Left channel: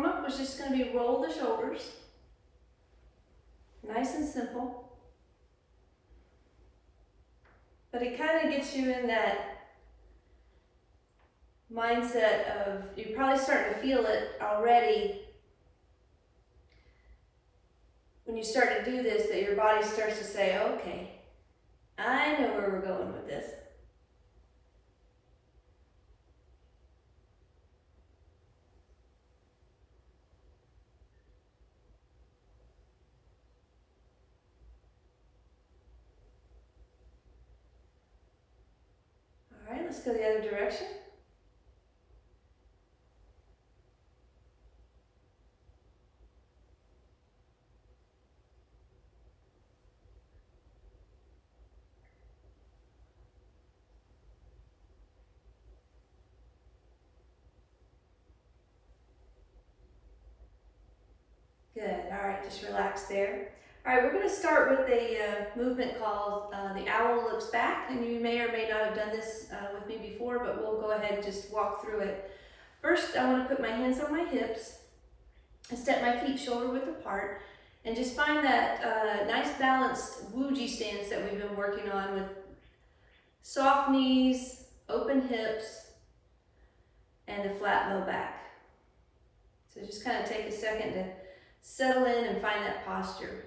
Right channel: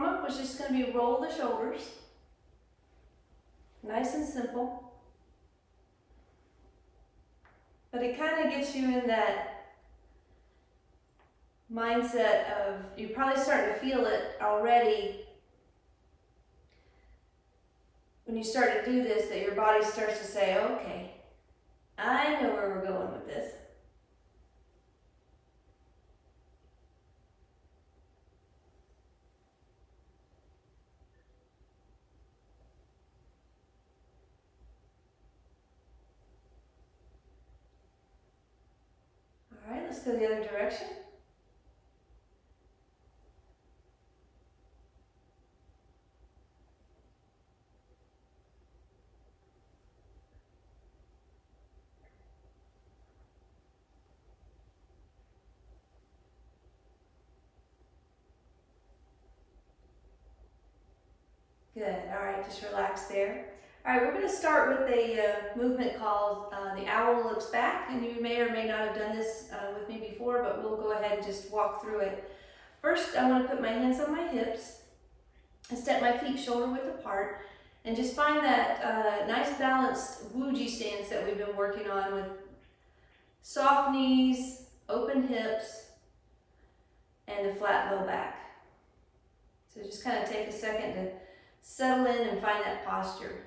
warm-up was just going to be roll the shoulders. Nice and simple. But it kind of gets you in that mindset of, you're probably starting to feel it already when you start to do this, that your body starts to say, okay, I know where we're going with this. All right, let's go the other direction. Good, all right, just relax there. All right, we're gonna start with a movement called the owl looks back, and you may or may not have done this with me before, but we'll go ahead and just walk through it. First, I wanna put my hands on my hips and step my feet shoulder width apart, and just find that nice balanced Wuji stance that we've been working on with soft knees, open hips, and a flat low back. So just kind of take a second to settle in and find that posture.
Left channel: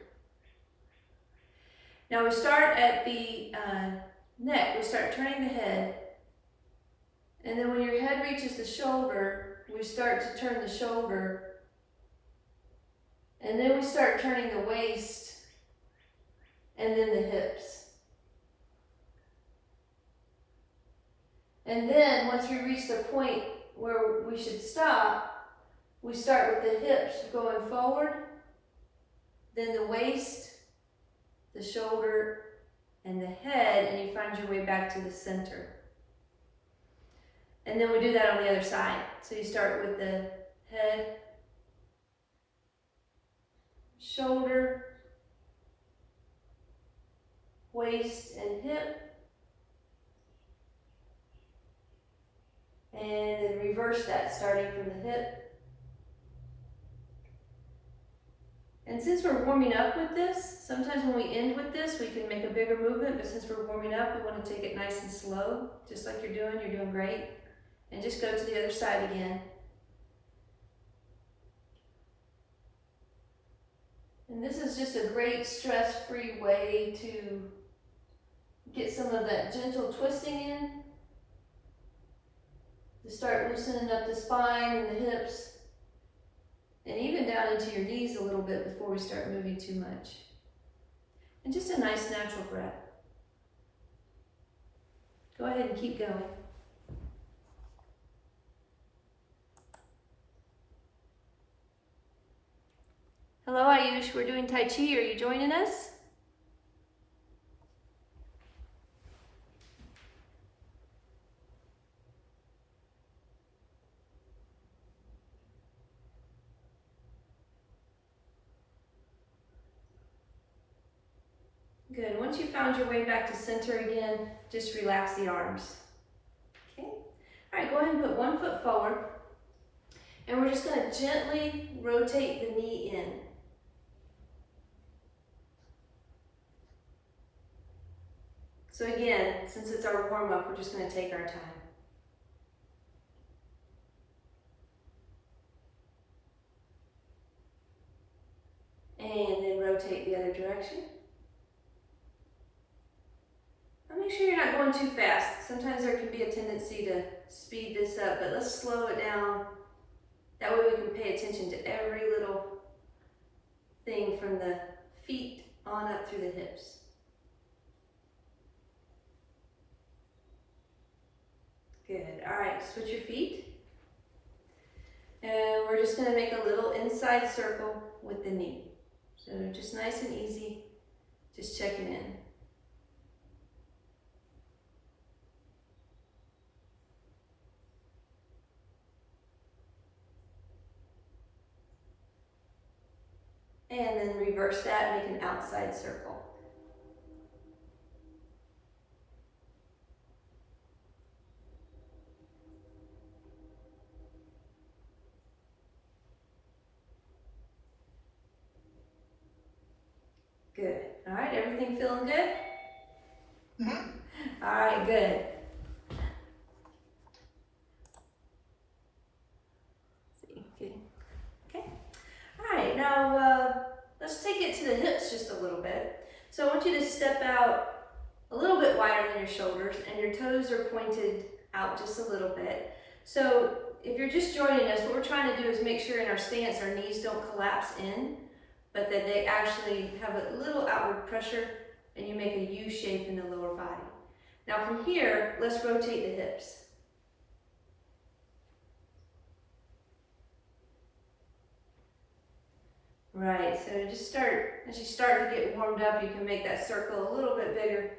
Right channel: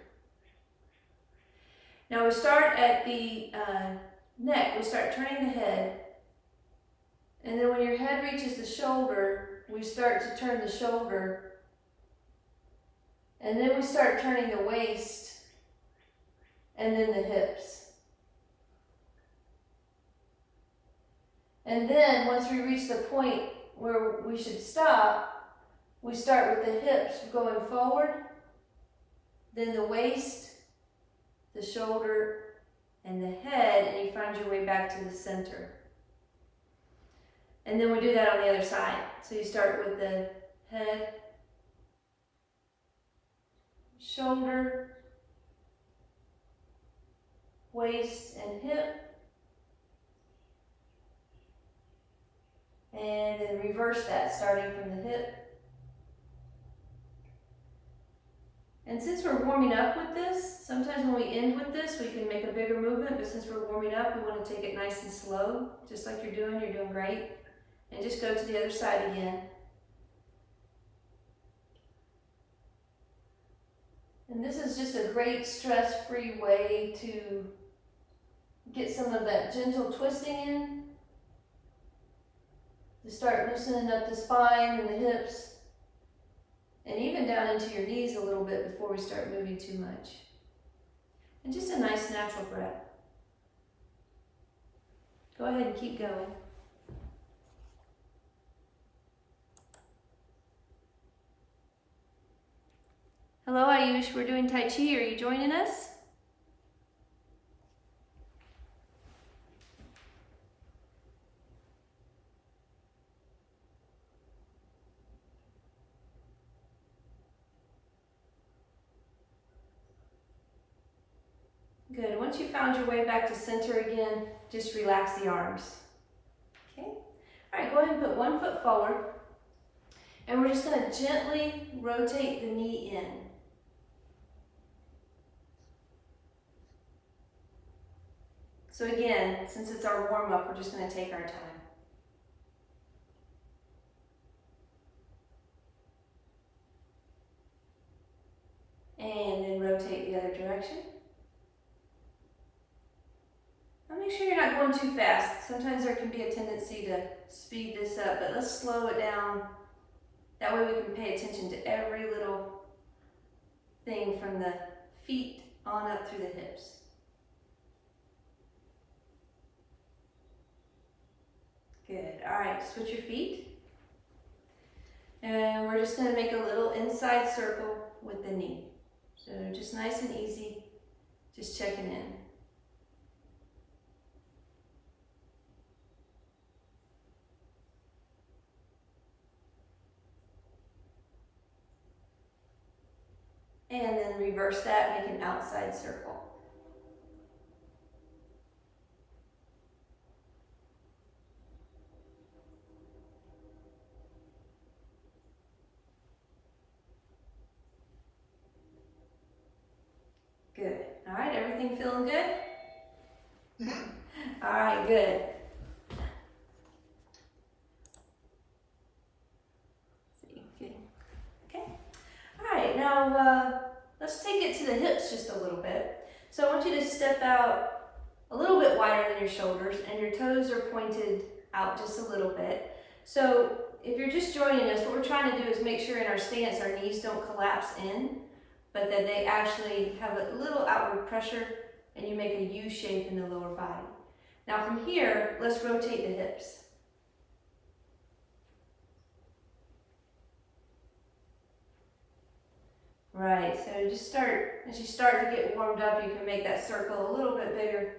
Now we start at the neck. We start turning the head. And then when your head reaches the shoulder, we start to turn the shoulder. And then we start turning the waist and then the hips. And then once we reach the point where we should stop, we start with the hips going forward, then the waist, the shoulder, and the head, and you find your way back to the center. And then we do that on the other side. So you start with the head, shoulder, waist, and hip. And then reverse that, starting from the hip. And since we're warming up with this, sometimes when we end with this, we can make a bigger movement, but since we're warming up, we want to take it nice and slow, just like you're doing great. And just go to the other side again. And this is just a great stress-free way to get some of that gentle twisting in, to start loosening up the spine and the hips, and even down into your knees a little bit before we start moving too much. And just a nice natural breath. Go ahead and keep going. Hello Ayush, we're doing Tai Chi. Are you joining us? Good. Once you found your way back to center again, just relax the arms. Okay. All right, go ahead and put one foot forward. And we're just going to gently rotate the knee in. So again, since it's our warm-up, we're just going to take our time. And then rotate the other direction. And make sure you're not going too fast. Sometimes there can be a tendency to speed this up, but let's slow it down. That way we can pay attention to every little thing from the feet on up through the hips. Good. All right, switch your feet. And we're just going to make a little inside circle with the knee. So just nice and easy, just checking in. And then reverse that, make an outside circle. All right, everything feeling good? Mhm. All right, good. See, okay. All right, now let's take it to the hips just a little bit. So I want you to step out a little bit wider than your shoulders, and your toes are pointed out just a little bit. So if you're just joining us, what we're trying to do is make sure in our stance our knees don't collapse in, but that they actually have a little outward pressure, and you make a U shape in the lower body. Now from here, let's rotate the hips. Right, so just start, as you start to get warmed up, you can make that circle a little bit bigger.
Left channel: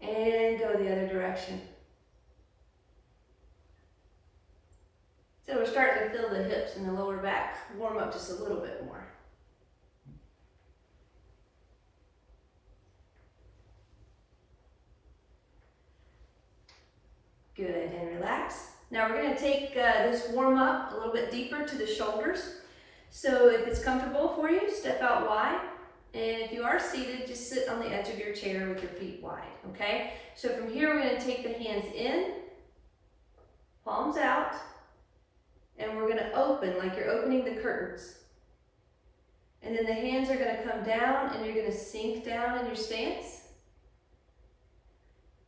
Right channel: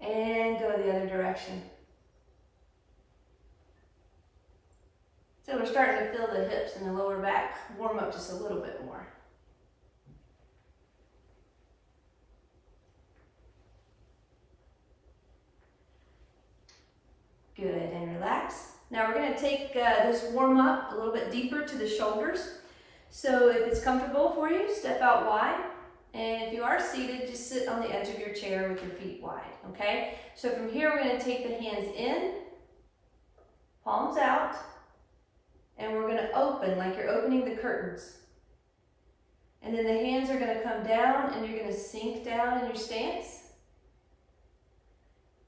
And go the other direction. So we're starting to feel the hips and the lower back warm up just a little bit more. Good, and relax. Now we're going to take this warm up a little bit deeper to the shoulders. So if it's comfortable for you, step out wide. And if you are seated, just sit on the edge of your chair with your feet wide, okay? So from here, we're going to take the hands in, palms out, and we're going to open like you're opening the curtains. And then the hands are going to come down, and you're going to sink down in your stance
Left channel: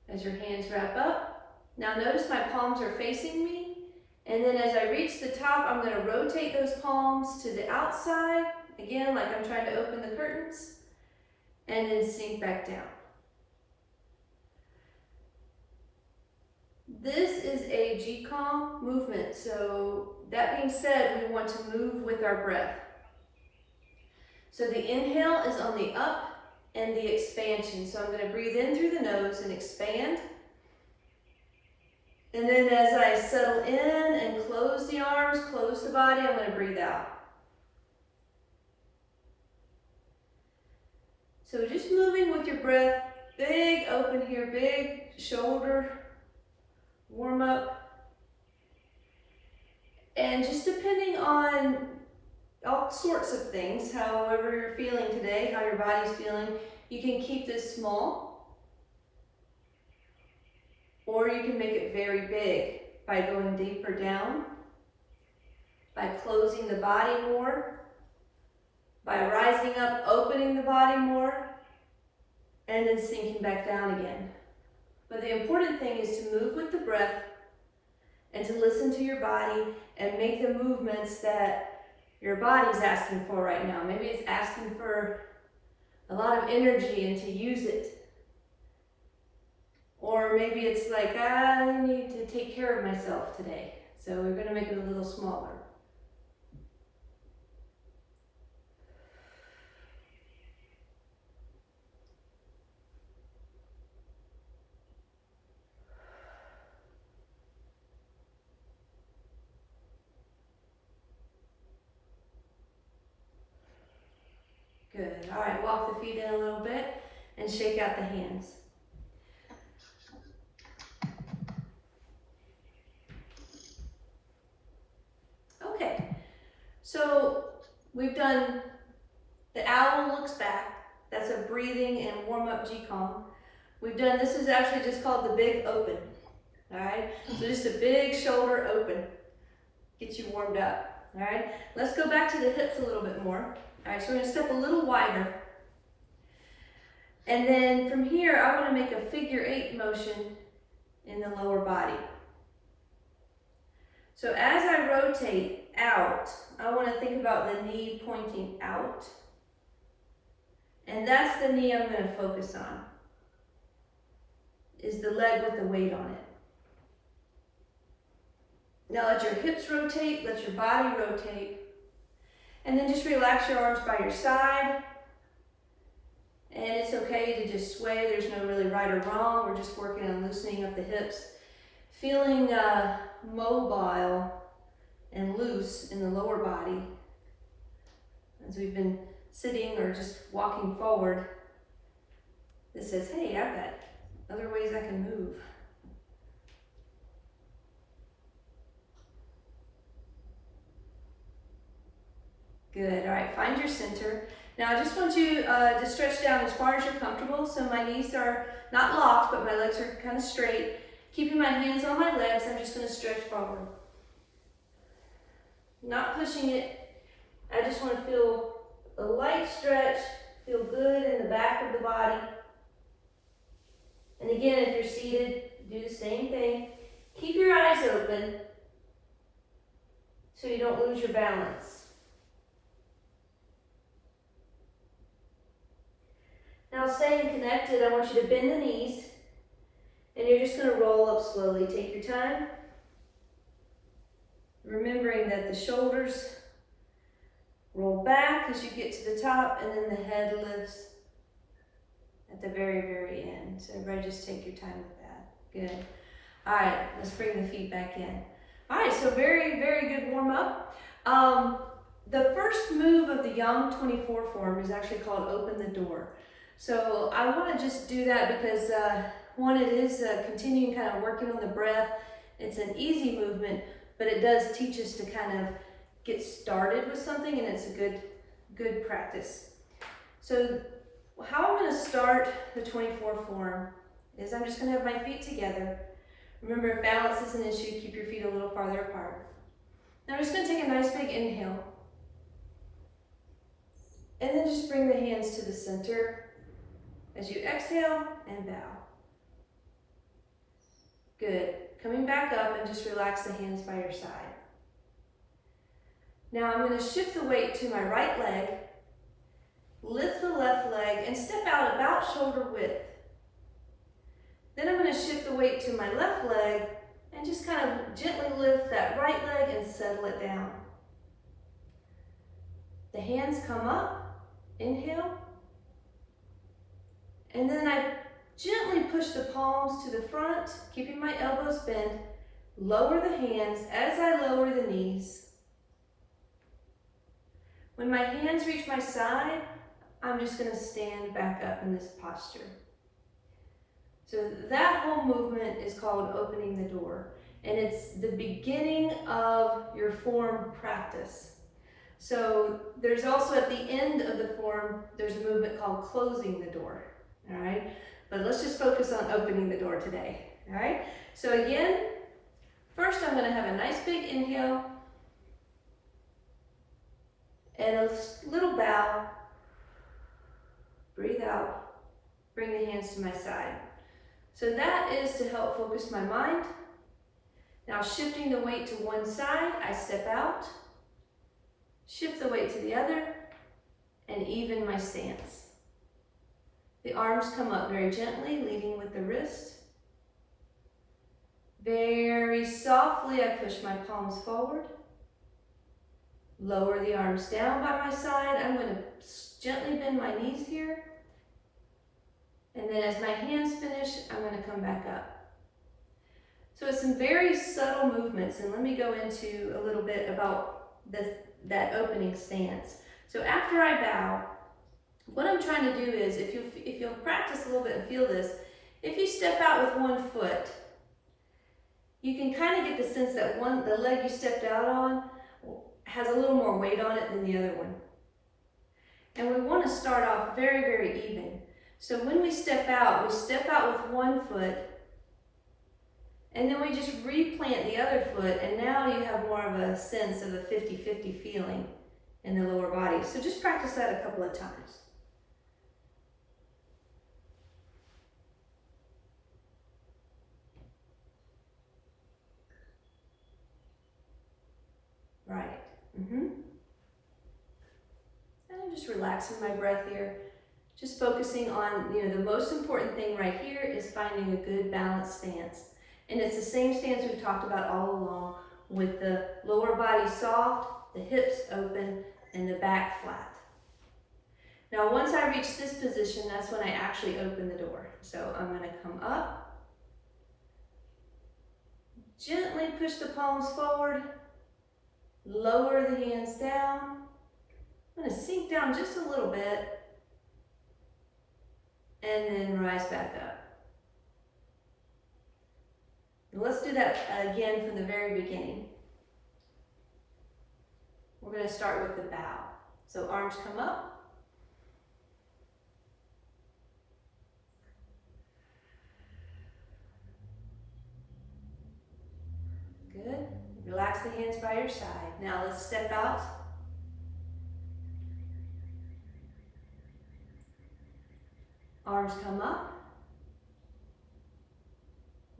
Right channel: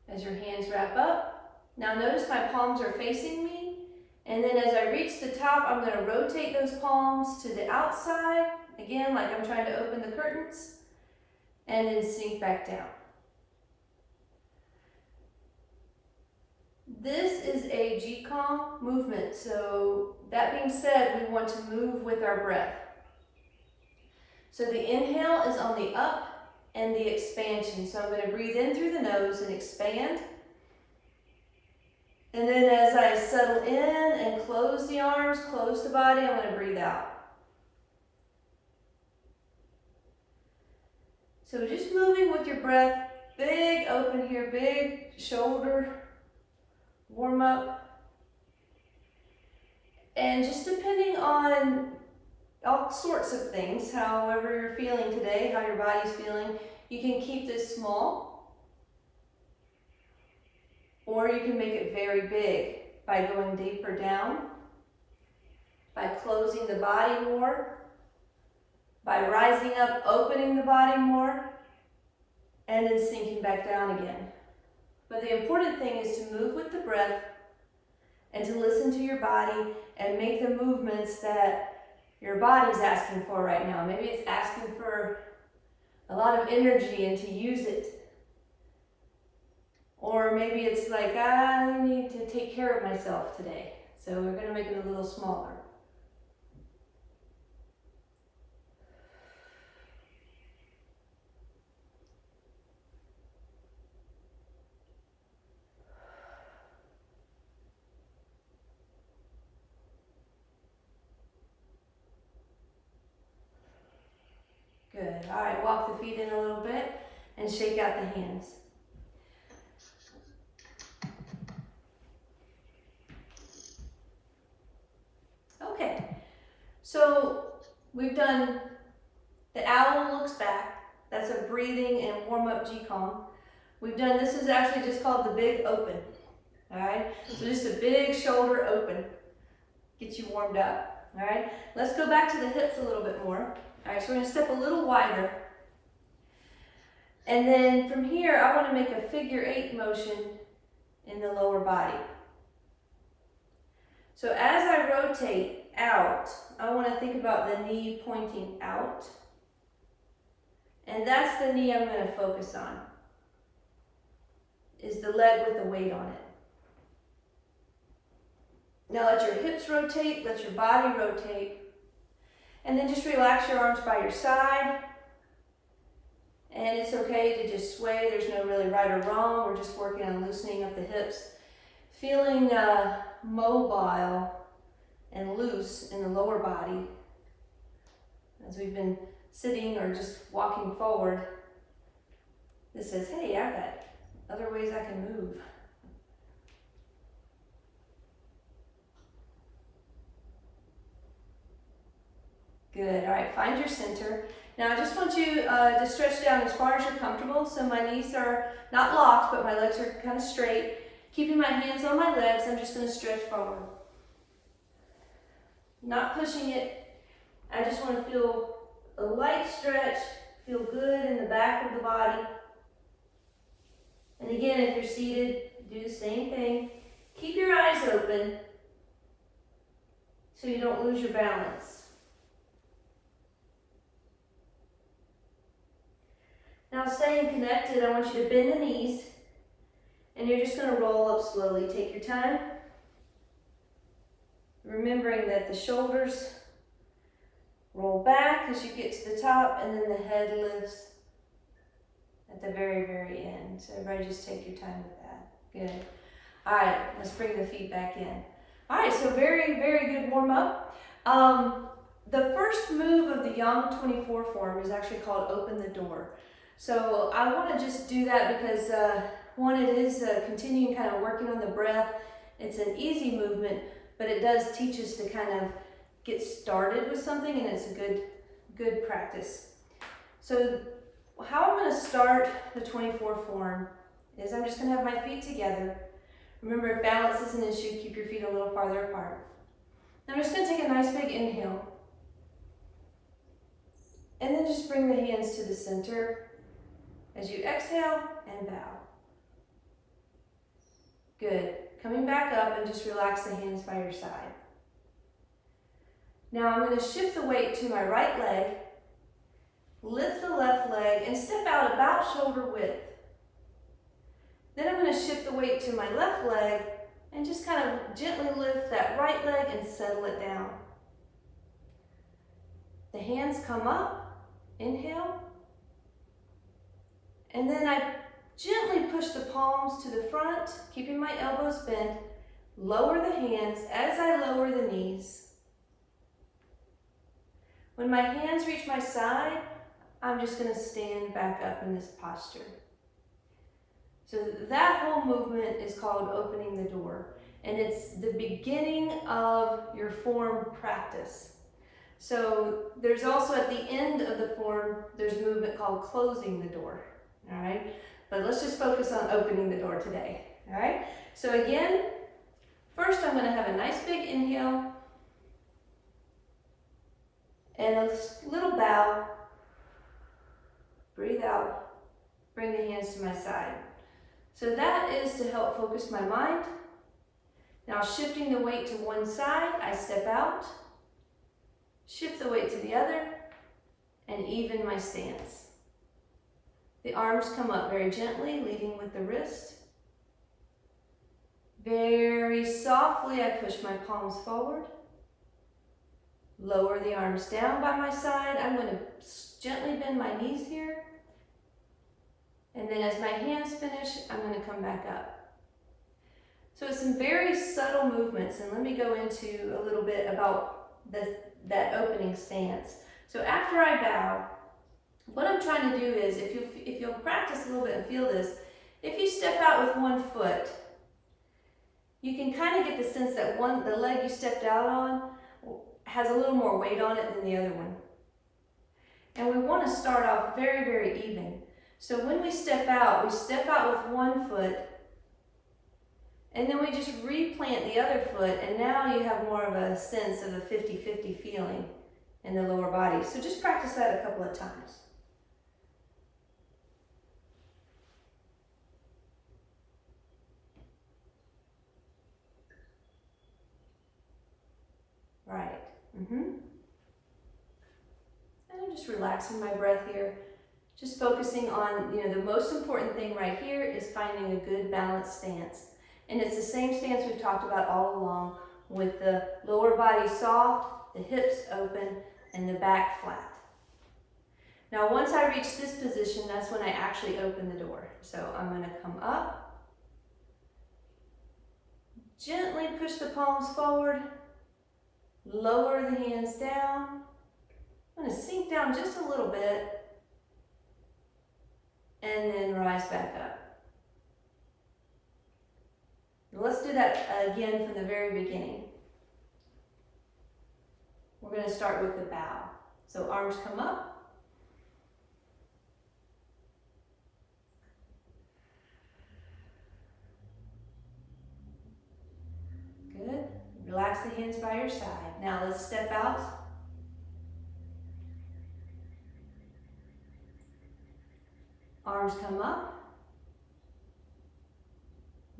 as your hands wrap up. Now notice my palms are facing me, and then as I reach the top, I'm going to rotate those palms to the outside, again like I'm trying to open the curtains, and then sink back down. This is a Qigong movement, so that being said, we want to move with our breath. So the inhale is on the up and the expansion, so I'm going to breathe in through the nose and expand. And then as I settle in and close the arms, close the body, I'm going to breathe out. So just moving with your breath, big open here, big shoulder, warm up. And just depending on all sorts of things, however you're feeling today, how your body's feeling, you can keep this small, or you can make it very big by going deeper down, by closing the body more, by rising up, opening the body more, and then sinking back down again. But the important thing is to move with the breath and to listen to your body and make the movements that your body's asking for right now. Maybe it's asking for a lot of energy and to use it. Or maybe it's like, I need to take care of myself today. So we're going to make it a little smaller. Good. All right, walk the feet in a little bit and shake out the hands. Okay, so we've done the owl looks back. That's a breathing and warm up Qigong. We've done, this is actually just called the big open. All right, so just a big shoulder open. Get you warmed up. All right, let's go back to the hips a little bit more. All right, so we're going to step a little wider. And then from here, I want to make a figure 8 motion in the lower body. So as I rotate out, I want to think about the knee pointing out. And that's the knee I'm going to focus on, is the leg with the weight on it. Now let your hips rotate, let your body rotate. And then just relax your arms by your side. And it's okay to just sway. There's no really right or wrong. We're just working on loosening up the hips. Feeling mobile and loose in the lower body. As we've been sitting or just walking forward, this says, hey, I've got other ways I can move. Good. All right, find your center. Now I just want you to stretch down as far as you're comfortable. So my knees are not locked, but my legs are kind of straight. Keeping my hands on my legs, I'm just going to stretch forward. Not pushing it. I just want to feel a light stretch, feel good in the back of the body. And again, if you're seated, do the same thing. Keep your eyes open so you don't lose your balance. Now staying connected, I want you to bend the knees and you're just going to roll up slowly. Take your time. Remembering that the shoulders roll back as you get to the top and then the head lifts at the very, very end. So everybody just take your time with that. Good. All right, let's bring the feet back in. All right, so very, very good warm up. The first move of the Yang 24 form is actually called open the door. So I want to just do that because one, it is continuing kind of working on the breath. It's an easy movement, but it does teach us to kind of get started with something, and it's a good practice. So how I'm going to start the 24 form is I'm just going to have my feet together. Remember, if balance is an issue, keep your feet a little farther apart. Now I'm just going to take a nice big inhale. And then just bring the hands to the center as you exhale and bow. Good. Coming back up and just relax the hands by your side. Now I'm going to shift the weight to my right leg, lift the left leg, and step out about shoulder width. Then I'm going to shift the weight to my left leg and just kind of gently lift that right leg and settle it down. The hands come up, inhale, and then I gently push the palms to the front, keeping my elbows bent, lower the hands as I lower the knees. When my hands reach my side, I'm just going to stand back up in this posture. So that whole movement is called opening the door, and it's the beginning of your form practice. So there's also at the end of the form, there's a movement called closing the door, all right? But let's just focus on opening the door today, all right? So again, first I'm going to have a nice big inhale and a little bow. Breathe out, bring the hands to my side. So that is to help focus my mind. Now shifting the weight to one side, I step out, shift the weight to the other, and even my stance. The arms come up very gently, leading with the wrist. Very softly, I push my palms forward. Lower the arms down by my side. I'm going to gently bend my knees here. And then as my hands finish, I'm going to come back up. So it's some very subtle movements, and let me go into a little bit about that opening stance. So after I bow, what I'm trying to do is, if you'll practice a little bit and feel this, if you step out with one foot, you can kind of get the sense that the leg you stepped out on has a little more weight on it than the other one. And we want to start off very, very even. So when we step out with one foot, and then we just replant the other foot, and now you have more of a sense of a 50-50 feeling in the lower body. So just practice that a couple of times. Right. And I'm just relaxing my breath here. Just focusing on, the most important thing right here is finding a good balanced stance. And it's the same stance we've talked about all along, with the lower body soft, the hips open, and the back flat. Now, once I reach this position, that's when I actually open the door. So I'm going to come up, gently push the palms forward, lower the hands down. I'm going to sink down just a little bit, and then rise back up. Let's do that again from the very beginning. We're going to start with the bow. So arms come up. Good. Relax the hands by your side. Now let's step out. Arms come up.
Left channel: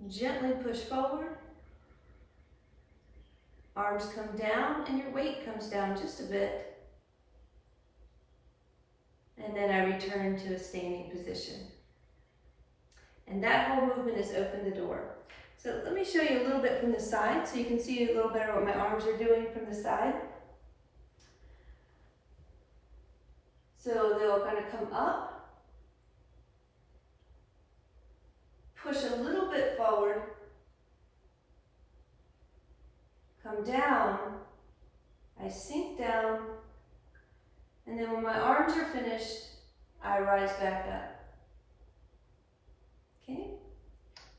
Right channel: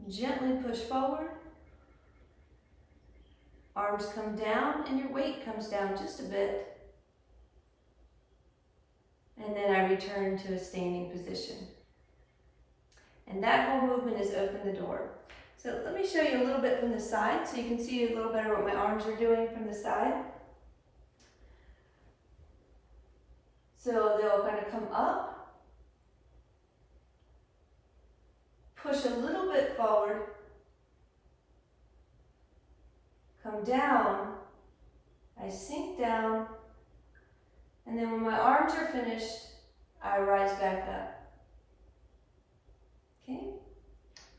Gently push forward. Arms come down and your weight comes down just a bit. And then I return to a standing position. And that whole movement is open the door. So let me show you a little bit from the side so you can see a little better what my arms are doing from the side. So they'll kind of come up, push a little bit forward, come down, I sink down, and then when my arms are finished, I rise back up. Okay?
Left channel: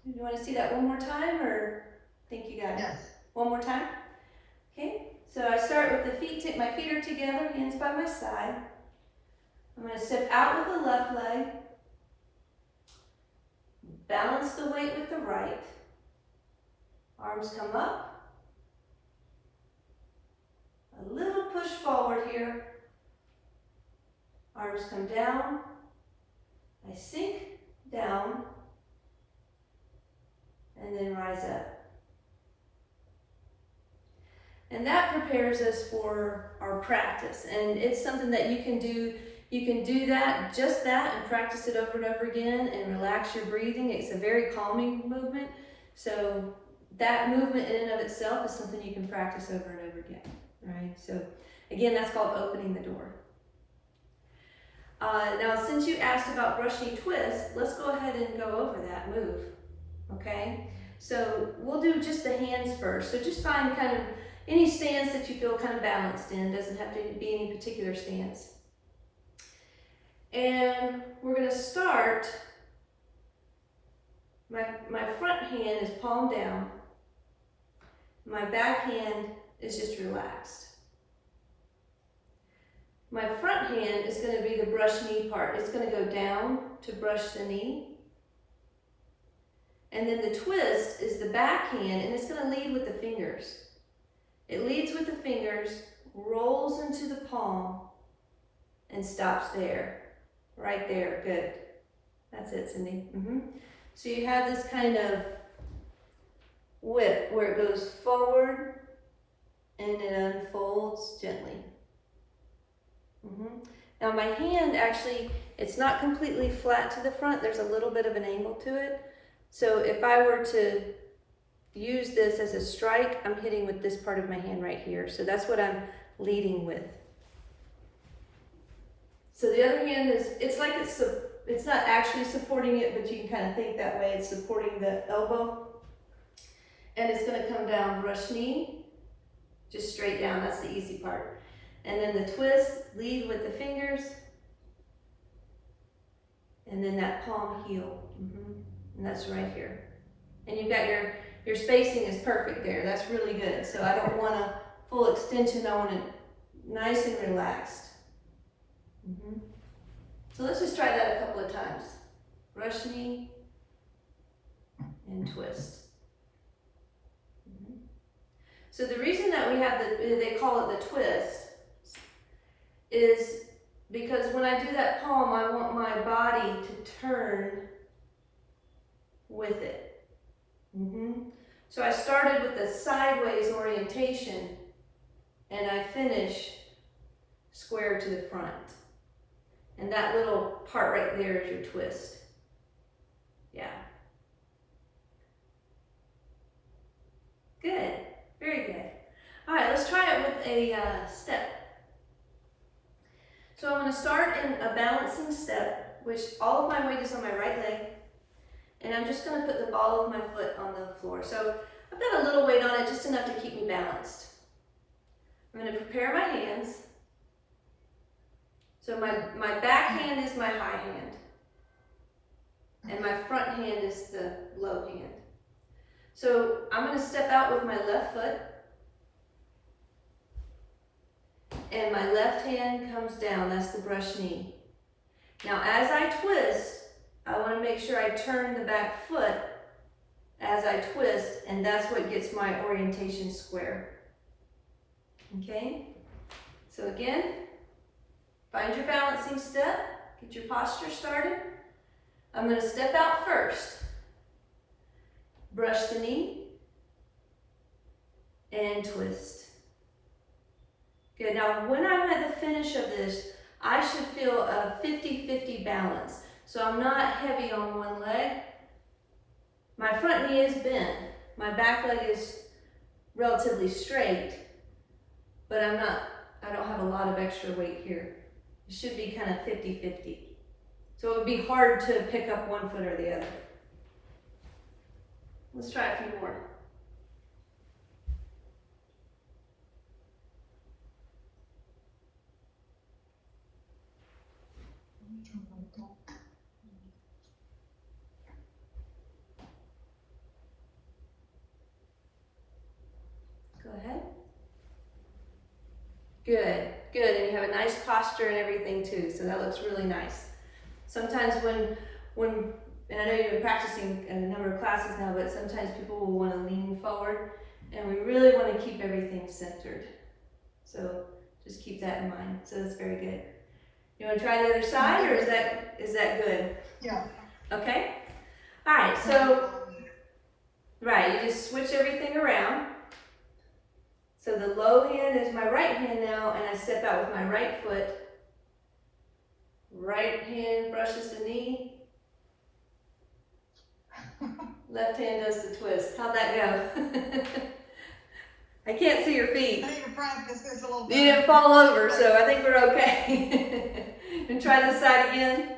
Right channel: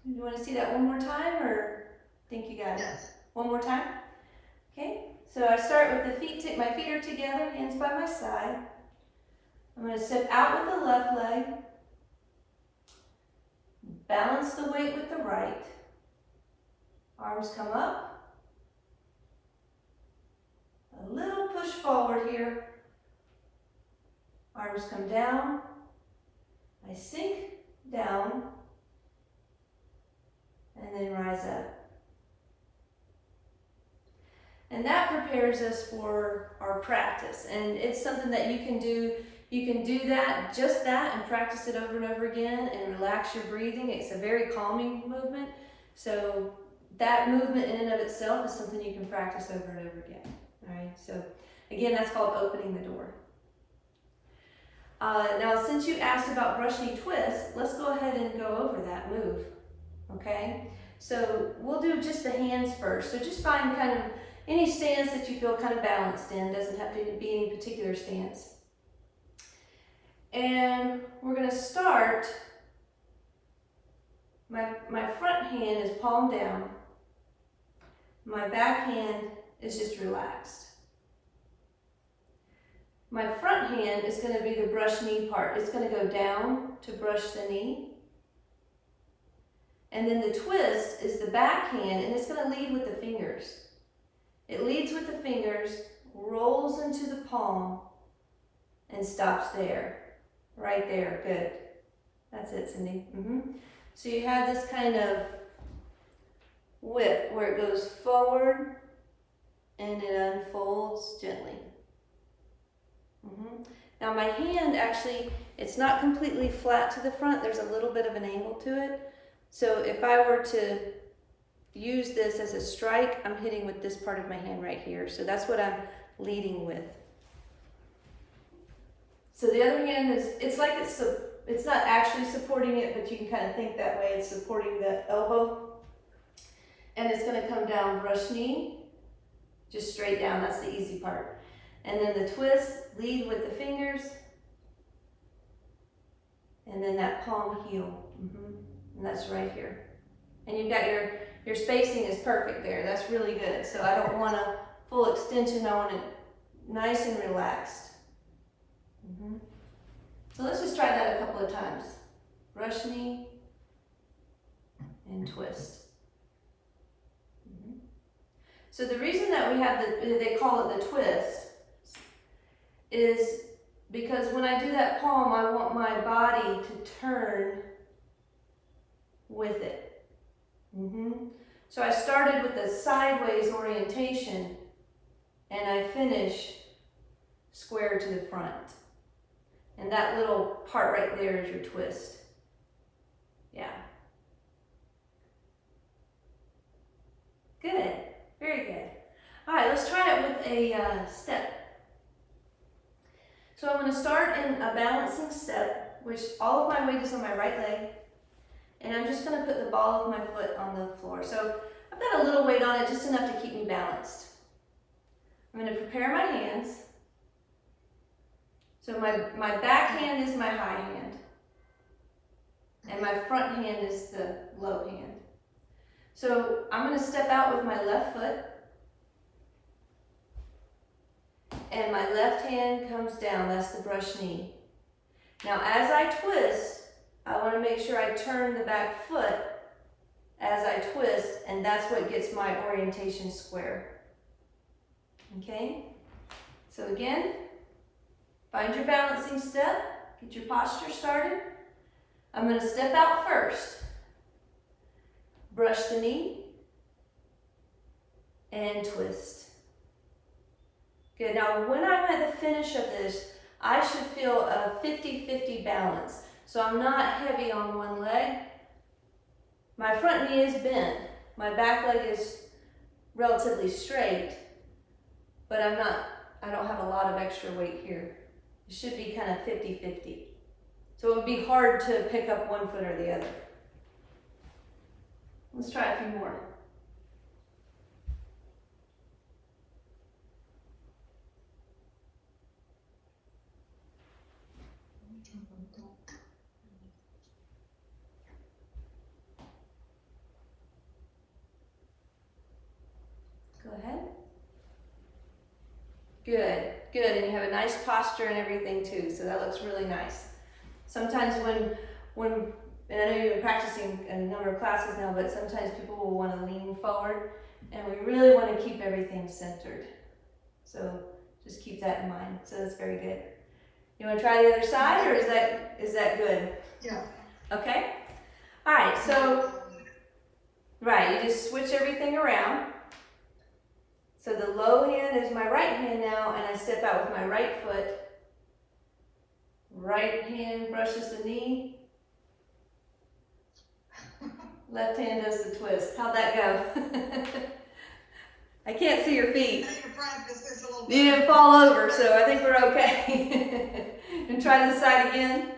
You want to see that one more time or think you got it? Yes. One more time? Okay, so I start with the feet, my feet are together, hands by my side. I'm going to step out with the left leg, balance the weight with the right, arms come up, a little push forward here, arms come down, I sink down, and then rise up. And that prepares us for our practice. And it's something that you can do. You can do that, just that, and practice it over and over again and relax your breathing. It's a very calming movement. So that movement in and of itself is something you can practice over and over again. All right, so again, that's called opening the door. Now, since you asked about brush knee twist, let's go ahead and go over that move. Okay, so we'll do just the hands first. So just find kind of any stance that you feel kind of balanced in. Doesn't have to be any particular stance. And we're going to start, my front hand is palm down. My back hand is just relaxed. My front hand is going to be the brush knee part. It's going to go down to brush the knee. And then the twist is the back hand, and it's going to lead with the fingers. It leads with the fingers, rolls into the palm, and stops there. Right there, good. That's it, Cindy. So you have this kind of whip where it goes forward and it unfolds gently. Now my hand actually, it's not completely flat to the front. There's a little bit of an angle to it. So if I were to use this as a strike, I'm hitting with this part of my hand right here. So that's what I'm leading with. So the other hand is, it's like it's not actually supporting it, but you can kind of think that way. It's supporting the elbow. And it's going to come down, brush knee, just straight down. That's the easy part. And then the twist, lead with the fingers. And then that palm heel. And that's right here. And you've got your spacing is perfect there. That's really good. So I don't want a full extension. I want it nice and relaxed. So let's just try that a couple of times. Brush knee and twist. So the reason that we have they call it the twist is because when I do that palm, I want my body to turn with it. So I started with the sideways orientation and I finish square to the front. And that little part right there is your twist. Yeah. Good. Very good. All right, let's try it with a step. So I'm going to start in a balancing step, which all of my weight is on my right leg. And I'm just going to put the ball of my foot on the floor. So I've got a little weight on it, just enough to keep me balanced. I'm going to prepare my hands. So my back hand is my high hand. And my front hand is the low hand. So I'm going to step out with my left foot. and my left hand comes down. That's the brush knee. Now as I twist, I want to make sure I turn the back foot as I twist, and that's what gets my orientation square. Okay? So again, find your balancing step, get your posture started. I'm going to step out first. Brush the knee and twist. Good. Now when I'm at the finish of this, I should feel a 50-50 balance. So I'm not heavy on one leg. My front knee is bent. My back leg is relatively straight, but I don't have a lot of extra weight here. It should be kind of 50-50. So it would be hard to pick up one foot or the other. Let's try a few more. Go ahead. Good, good, and you have a nice posture and everything too, so that looks really nice. Sometimes when, and I know you've been practicing a number of classes now, but sometimes people will want to lean forward, and we really want to keep everything centered. So just keep that in mind. So that's very good. You want to try the other side, or is that good? Yeah. Okay. All right. So right, you just switch everything around. So the low hand is my right hand now, and I step out with my right foot. Right hand brushes the knee. Left hand does the twist. How'd that go? I can't see your feet. I need to practice this a little You bit. didn't fall over, so I think we're okay. And try this side again.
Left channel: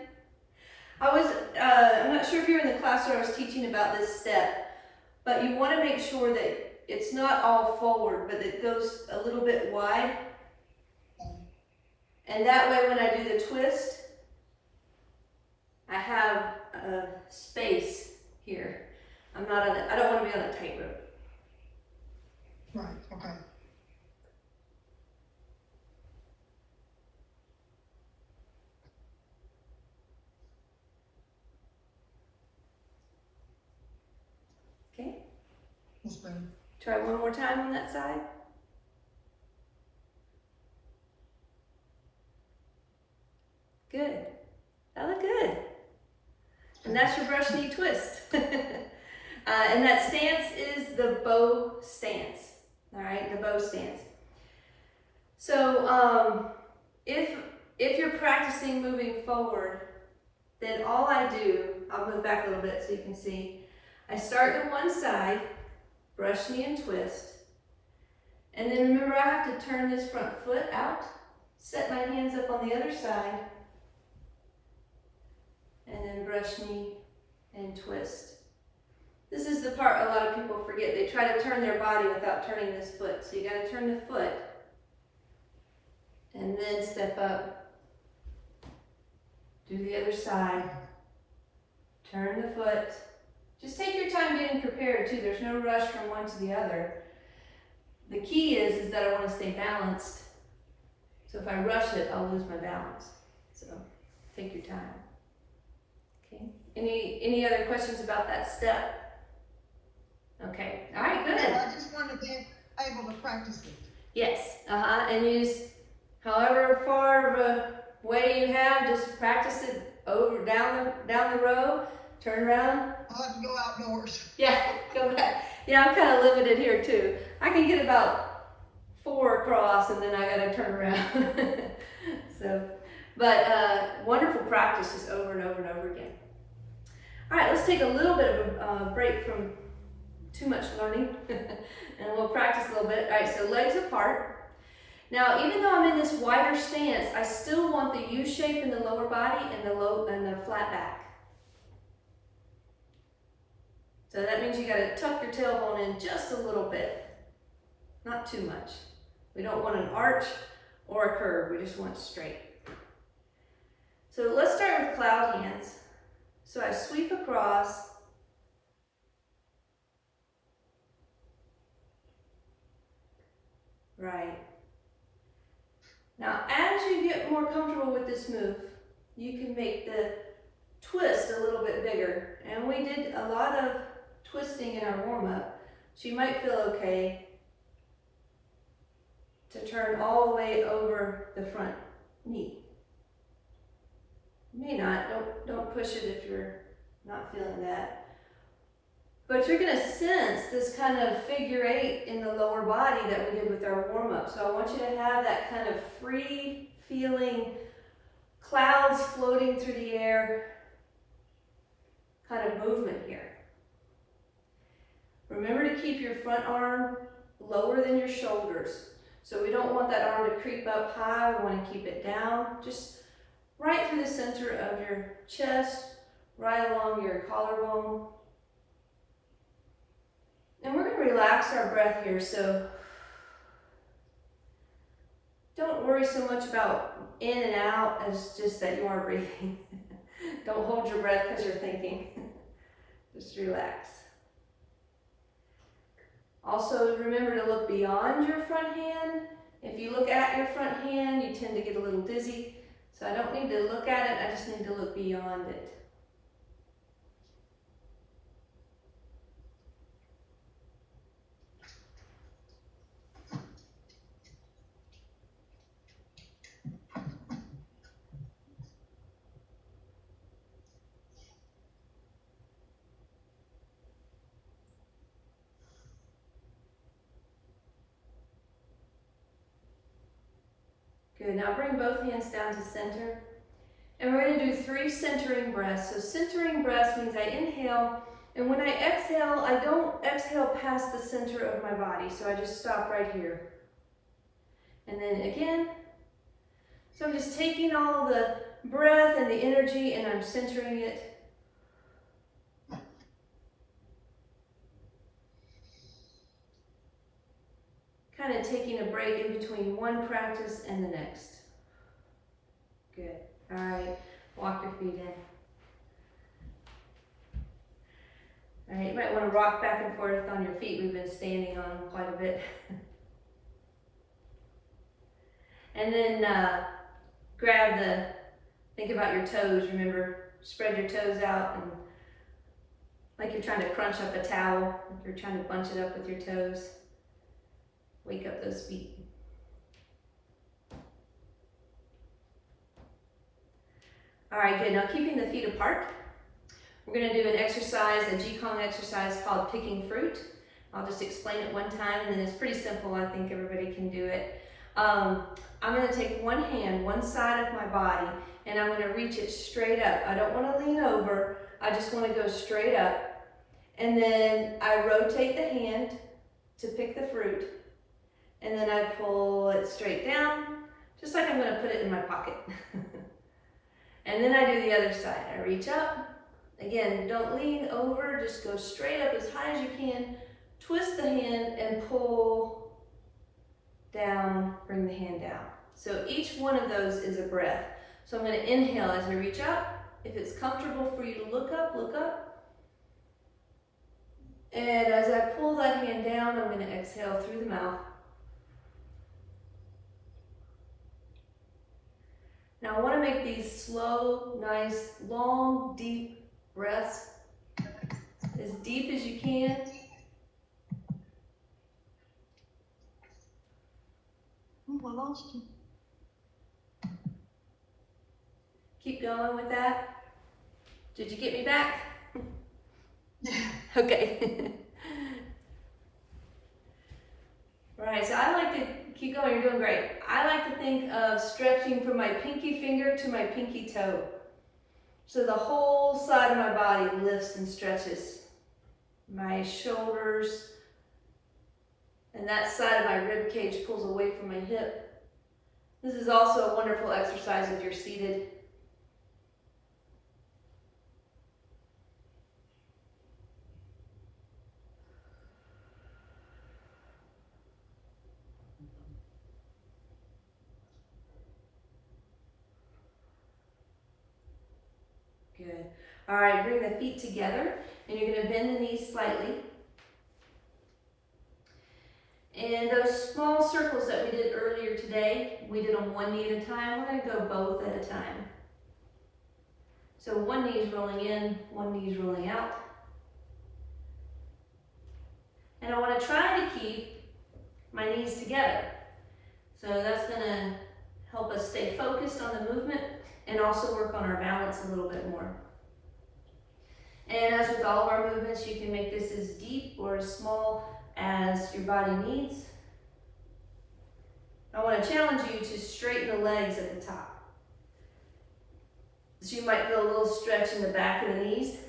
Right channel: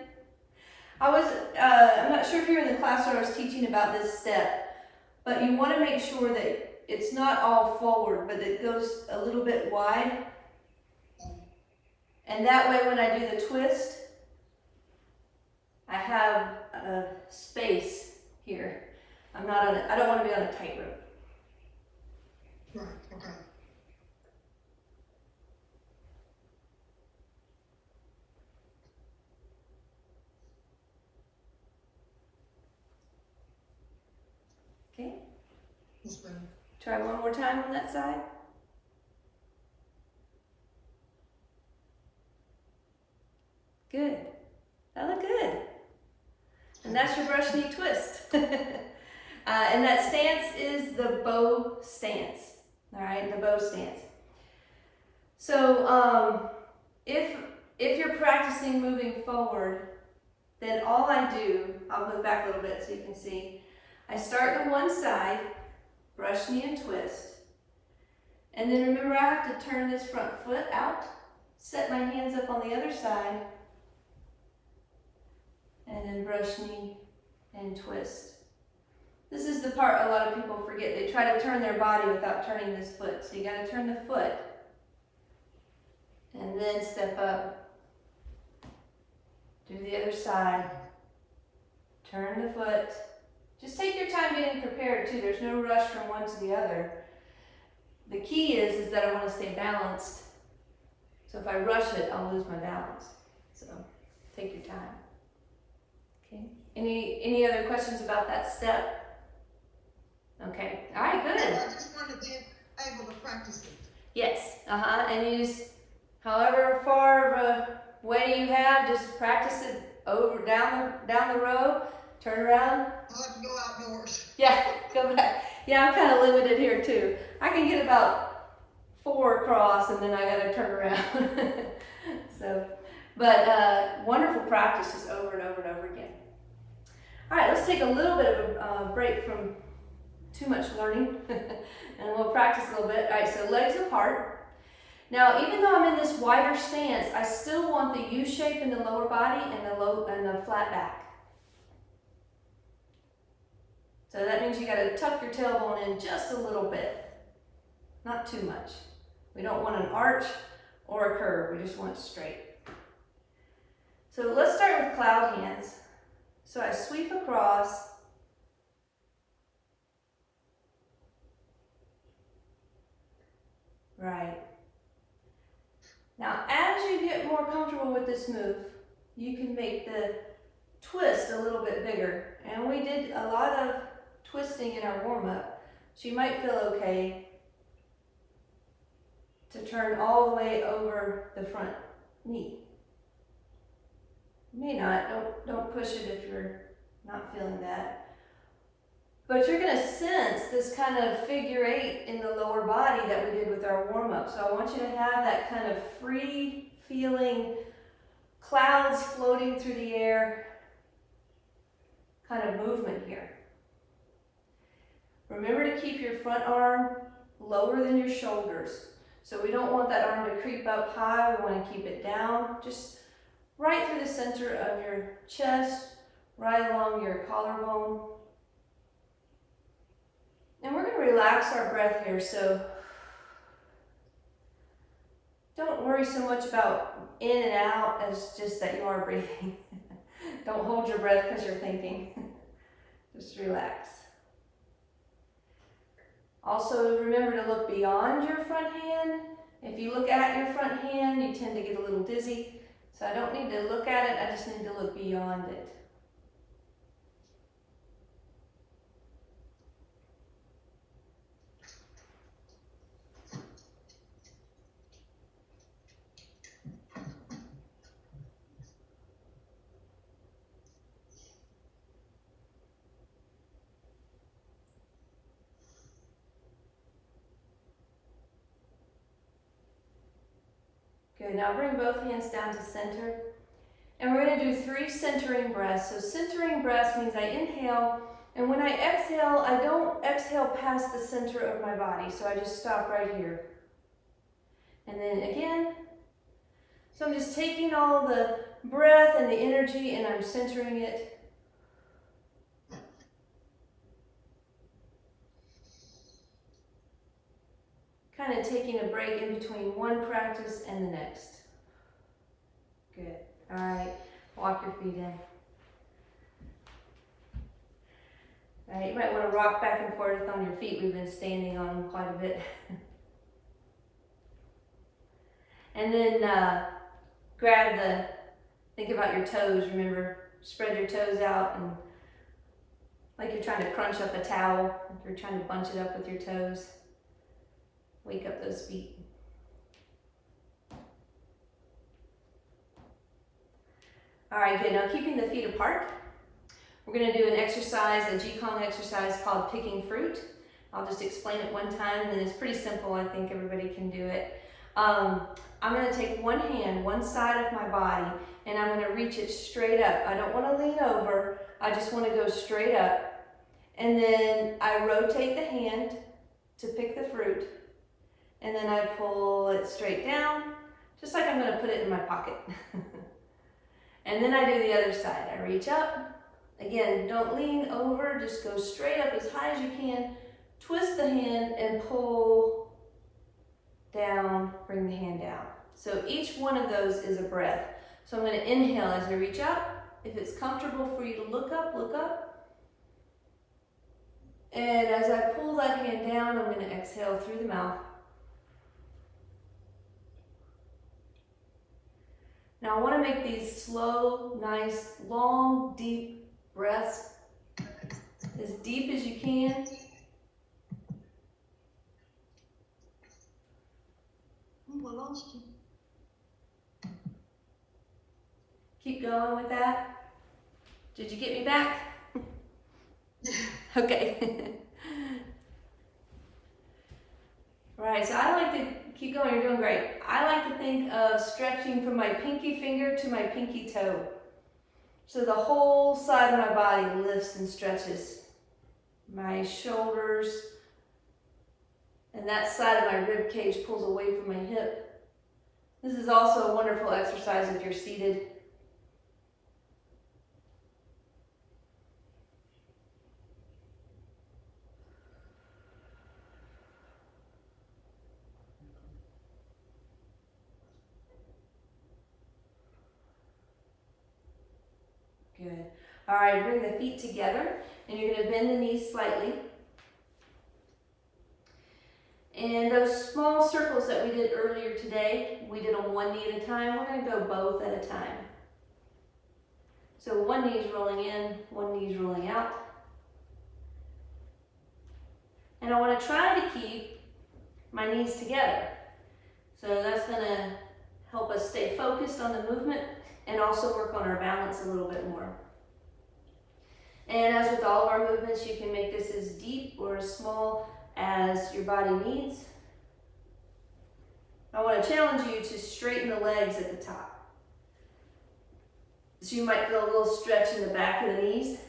I'm not sure if you're in the class where I was teaching about this step, but you want to make sure that it's not all forward, but it goes a little bit wide. And that way when I do the twist, I have a space here. I don't want to be on a tightrope. Right, okay. Okay? That's better. Try one more time on that side. Good. That looked good. And that's your brush knee twist. And that stance is the bow stance. All right, the bow stance. So if you're practicing moving forward, then all I do, I'll move back a little bit so you can see. I start to one side, brush knee and twist. And then remember, I have to turn this front foot out, set my hands up on the other side, and then brush knee and twist. This is the part a lot of people forget. They try to turn their body without turning this foot. So you got to turn the foot and then step up. Do the other side. Turn the foot. Just take your time getting prepared too. There's no rush from one to the other. The key is that I want to stay balanced. So if I rush it, I'll lose my balance. So take your time. Okay. Any other questions about that step? Okay. All right. Good. I just wanted to be able to practice it. Yes. And you just, however far of a way you have, just practice it over down the row. Turn around. I'll have to go outdoors. Yeah. Go back. Yeah, I'm kind of limited here too. I can get about 4 across, and then I gotta turn around. So, but wonderful practice, just over and over and over again. All right, let's take a little bit of a break from too much learning, and we'll practice a little bit. All right, so legs apart. Now, even though I'm in this wider stance, I still want the U shape in the lower body and the flat back. So that means you got to tuck your tailbone in just a little bit, not too much. We don't want an arch or a curve. We just want it straight. So let's start with cloud hands. So I sweep across. Right. Now, as you get more comfortable with this move, you can make the twist a little bit bigger. And we did a lot of twisting in our warm-up, so you might feel okay to turn all the way over the front knee. You may not, don't push it if you're not feeling that. But you're gonna sense this kind of figure eight in the lower body that we did with our warm-up. So I want you to have that kind of free feeling, clouds floating through the air kind of movement here. Remember to keep your front arm lower than your shoulders. So we don't want that arm to creep up high, we want to keep it down, just right through the center of your chest, right along your collarbone. And we're going to relax our breath here, so don't worry so much about in and out as just that you are breathing. Don't hold your breath because you're thinking. Just relax. Also, remember to look beyond your front hand. If you look at your front hand, you tend to get a little dizzy. So I don't need to look at it, I just need to look beyond it. Good, now bring both hands down to center. And we're going to do 3 centering breaths. So centering breaths means I inhale, and when I exhale, I don't exhale past the center of my body. So I just stop right here. And then again. So I'm just taking all the breath and the energy and I'm centering it. Kind of taking a break in between one practice and the next. Good. All right, walk your feet in. All right, you might want to rock back and forth on your feet. We've been standing on them quite a bit. And then think about your toes, remember, spread your toes out and like you're trying to crunch up a towel, like you're trying to bunch it up with your toes. Wake up those feet. All right, good. Now keeping the feet apart, we're going to do an exercise, a Qigong exercise called picking fruit. I'll just explain it one time, and then it's pretty simple. I think everybody can do it. I'm going to take one hand, one side of my body, and I'm going to reach it straight up. I don't want to lean over. I just want to go straight up. And then I rotate the hand to pick the fruit, and then I pull it straight down, just like I'm going to put it in my pocket. And then I do the other side. I reach up. Again, don't lean over, just go straight up as high as you can. Twist the hand and pull down, bring the hand down. So each one of those is a breath. So I'm going to inhale as I reach up. If it's comfortable for you to look up, look up. And as I pull that hand down, I'm going to exhale through the mouth. Now I want to make these slow, nice, long, deep breaths. As deep as you can. I lost you. Keep going with that. Did you get me back? Okay. All right, so I like to keep going. You're doing great. I like to think of stretching from my pinky finger to my pinky toe. So the whole side of my body lifts and stretches. My shoulders and that side of my rib cage pulls away from my hip. This is also a wonderful exercise if you're seated. Good. All right, bring the feet together and you're going to bend the knees slightly. And those small circles that we did earlier today, we did on one knee at a time. We're going to go both at a time. So one knee is rolling in, one knee is rolling out. And I want to try to keep my knees together. So that's going to help us stay focused on the movement and also work on our balance a little bit more. And as with all of our movements, you can make this as deep or as small as your body needs. I want to challenge you to straighten the legs at the top. So you might feel a little stretch in the back of the knees.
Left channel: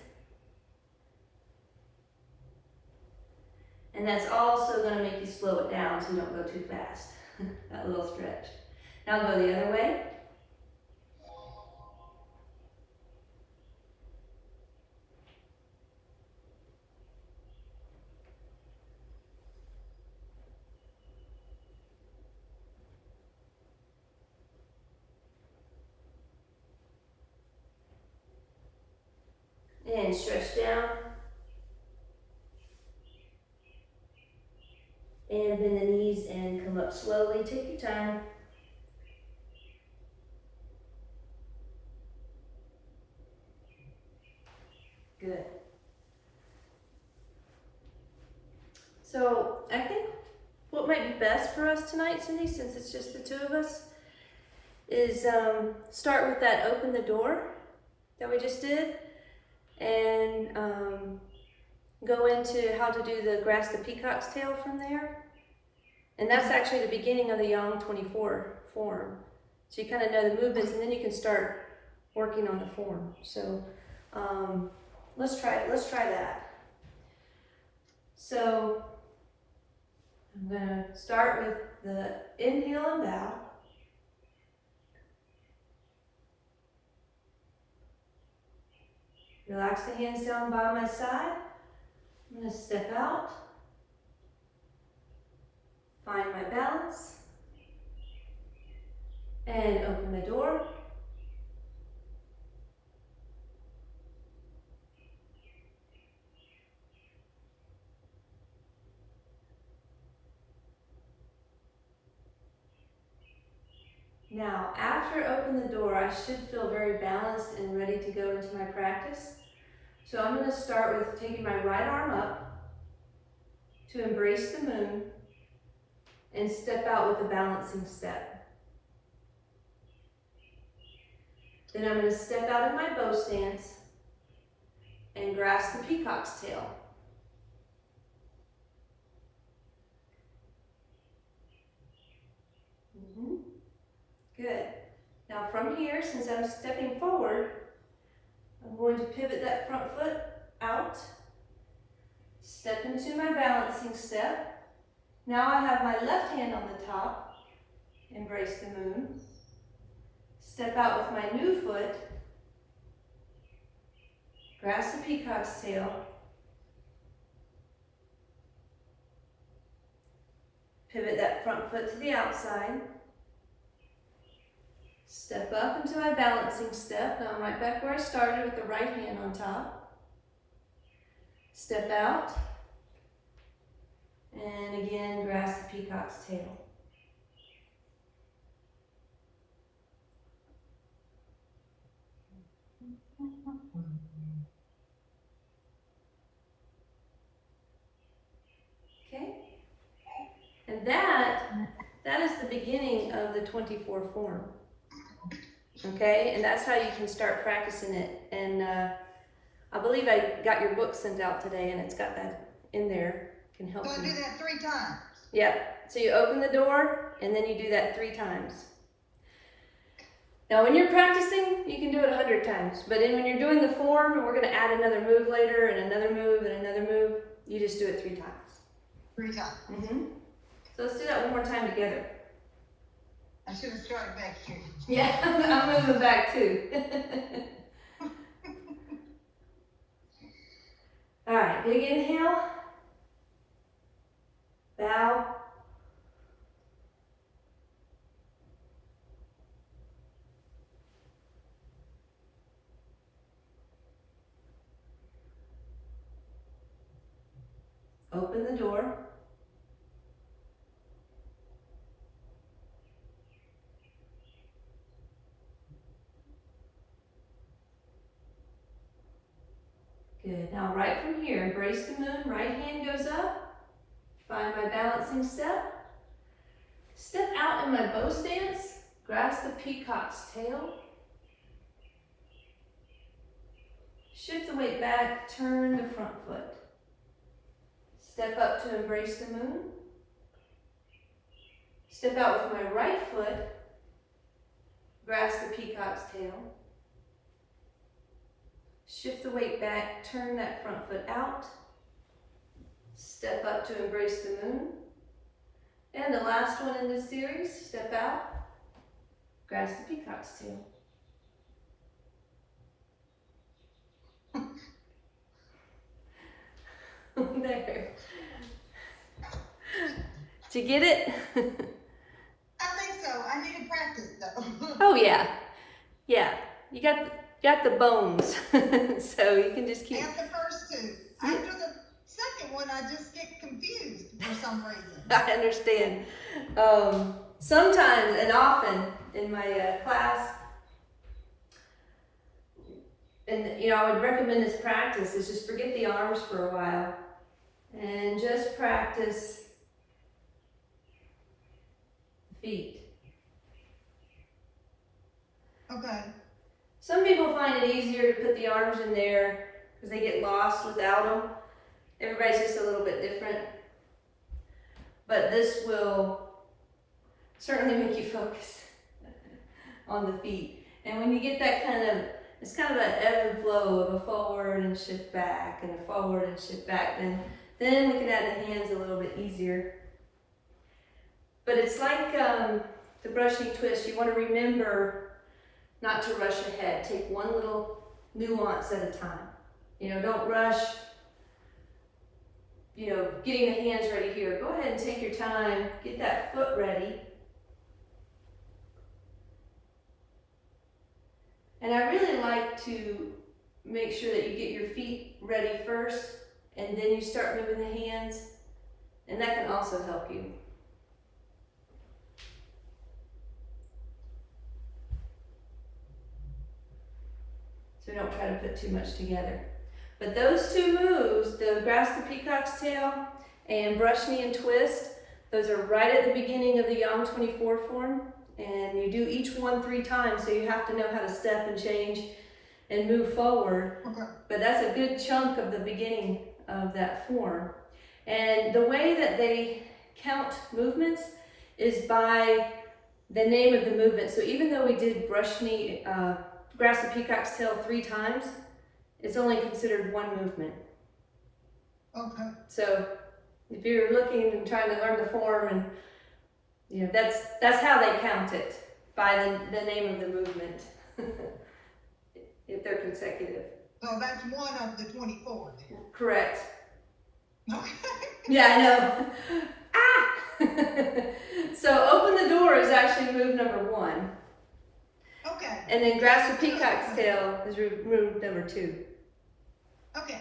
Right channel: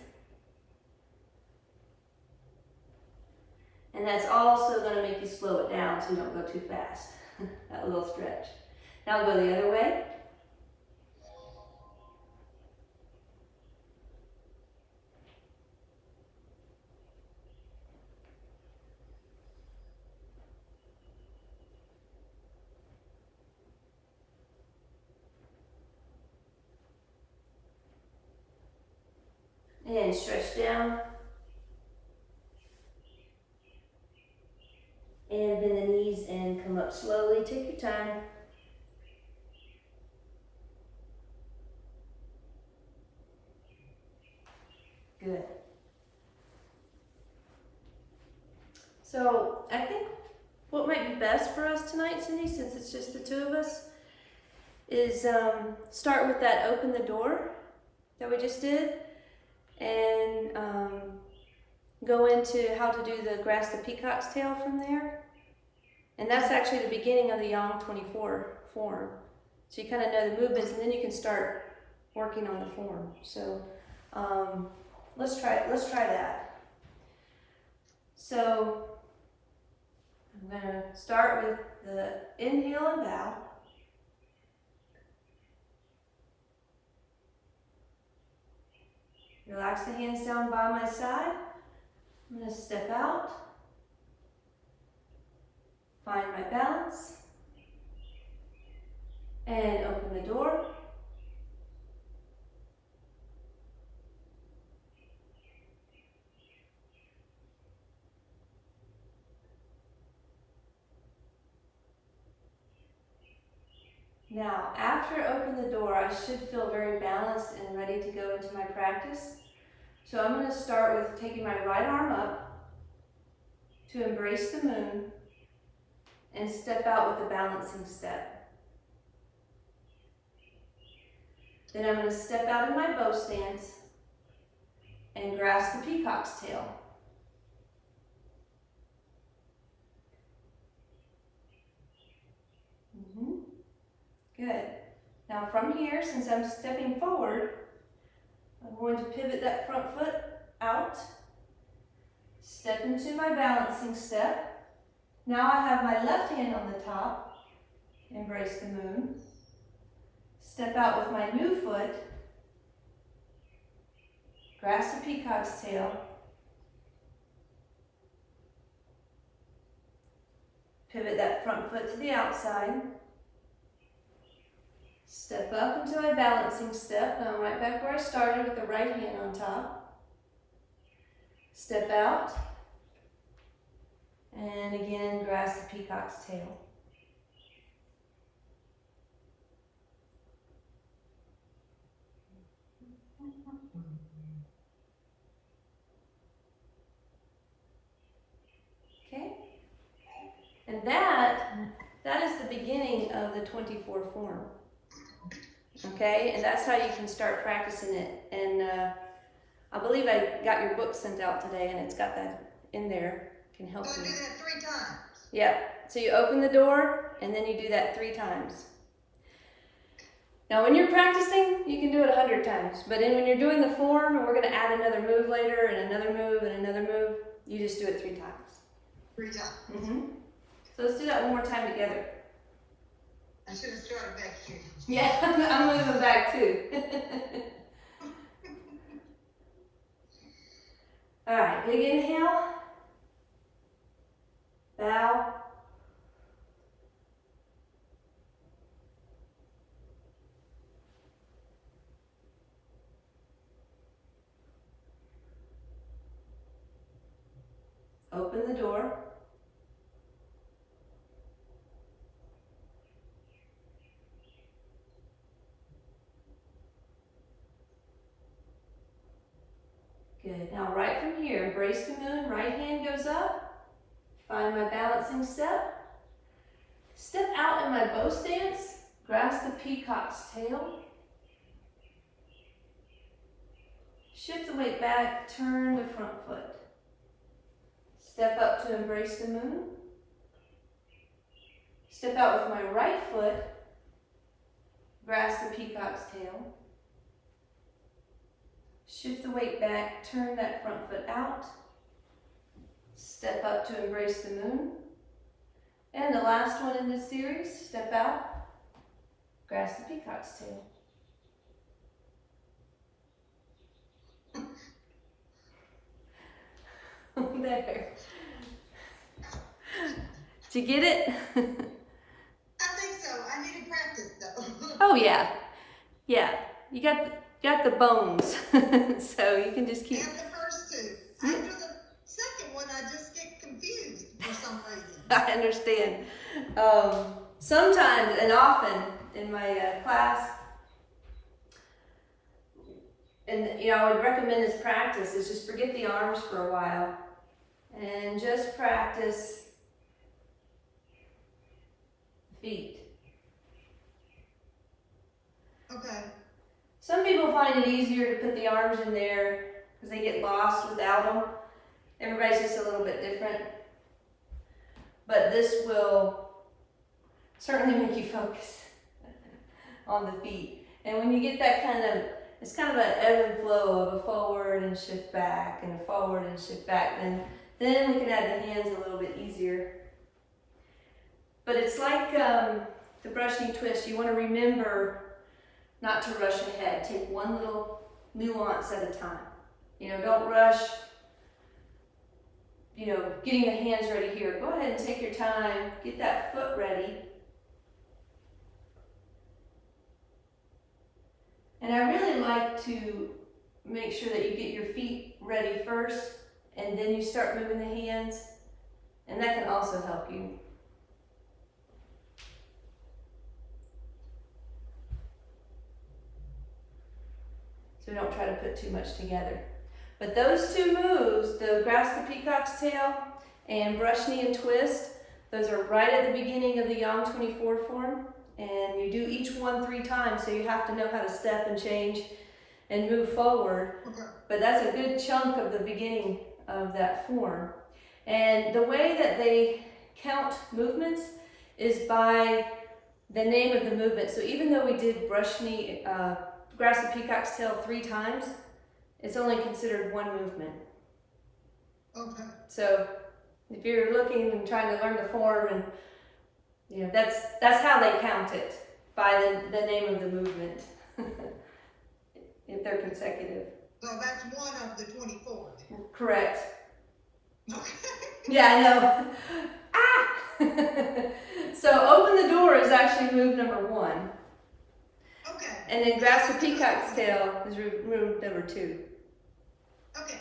And that's also going to make you slow it down so you don't go too fast. That little stretch. Now go the other way. And stretch down. And bend the knees and come up slowly. Take your time. Good. So I think what might be best for us tonight, Cindy, since it's just the two of us, is start with that open the door that we just did, and go into how to do the grasp the peacock's tail from there. And that's actually the beginning of the Yang 24 form. So you kind of know the movements, and then you can start working on the form. So let's try that. So I'm going to start with the inhale and bow. Relax the hands down by my side. I'm going to step out. Find my balance. And open the door. Now, after I open the door, I should feel very balanced and ready to go into my practice. So I'm going to start with taking my right arm up to embrace the moon and step out with a balancing step. Then I'm going to step out in my bow stance and grasp the peacock's tail. Good. Now from here, since I'm stepping forward, I'm going to pivot that front foot out, step into my balancing step. Now I have my left hand on the top, embrace the moon. Step out with my new foot, grasp the peacock's tail, pivot that front foot to the outside, step up into my balancing step. Now I'm right back where I started with the right hand on top. Step out, and again grasp the peacock's tail. Okay, and that is the beginning of the 24 form. Okay, and that's how you can start practicing it. And I believe I got your book sent out today, and it's got that in there. Can help you. Do that 3 times. Yep. So you open the door, and then you do that 3 times. Now, when you're practicing, you can do it 100 times. But when you're doing the form, and we're going to add another move later, and another move, and another move, you just do it 3 times. 3 times. Mm-hmm. So let's do that one more time together. I should have started back here. Yeah, I'm moving back too. All right, big inhale. Bow. Open the door. Good. Now right from here, embrace the moon, right hand goes up. Find my balancing step. Step out in my bow stance, grasp the peacock's tail. Shift the weight back, turn to front foot. Step up to embrace the moon. Step out with my right foot, grasp the peacock's tail. Shift the weight back, turn that front foot out. Step up to embrace the moon. And the last one in this series, step out, grasp the peacock's tail. There. Did you get it? I think so. I need to practice though. Oh yeah. Yeah. You got the bones. So you can just keep. And the first two. After the second one, I just get confused for some reason. I understand. Sometimes and often in my class, and I would recommend this practice is just forget the arms for a while and just practice feet. Okay. Some people find it easier to put the arms in there because they get lost without them. Everybody's just a little bit different. But this will certainly make you focus on the feet. And when you get that it's kind of an ebb and flow of a forward and shift back and a forward and shift back. Then we can add the hands a little bit easier. But it's like the brushing twist. You want to remember not to rush ahead. Take one little nuance at a time. Don't rush, getting the hands ready here. Go ahead and take your time. Get that foot ready. And I really like to make sure that you get your feet ready first, and then you start moving the hands, and that can also help you. So don't try to put too much together. But those two moves, the grasp the peacock's tail and brush knee and twist, those are right at the beginning of the Yang 24 form. And you do each one 3 times, so you have to know how to step and change and move forward. Okay. But that's a good chunk of the beginning of that form. And the way that they count movements is by the name of the movement. So even though we did brush knee, grasp the peacock's tail 3 times, it's only considered one movement. Okay. So if you're looking and trying to learn the form, and that's how they count it, by the name of the movement. If they're consecutive. So that's one of the 24. Correct. Okay. Yeah, I know. Ah! So open the door is actually move number 1. Okay. And then grasp the peacock's tail is move number 2. Okay.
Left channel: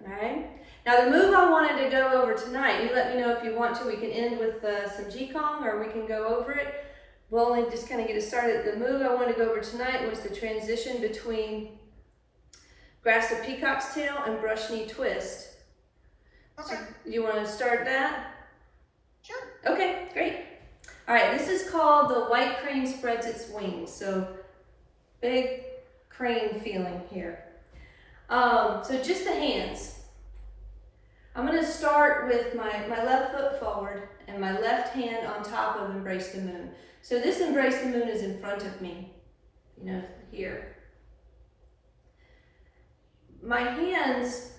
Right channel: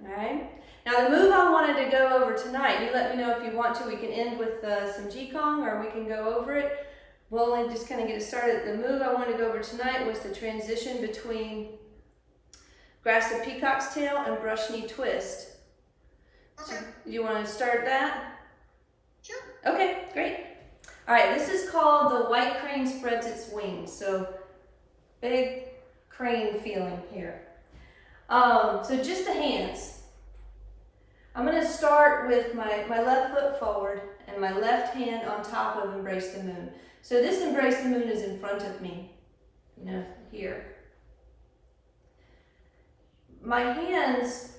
All right. Now the move I wanted to go over tonight, you let me know if you want to. We can end with some Qigong, or we can go over it. We'll only just kind of get it started. The move I wanted to go over tonight was the transition between grasp the peacock's tail and brush knee twist. Okay. So, you want to start that? Sure. Okay, great. All right, this is called the white crane spreads its wings. So big crane feeling here. So just the hands. I'm going to start with my left foot forward and my left hand on top of embrace the moon. So this embrace the moon is in front of me, here. My hands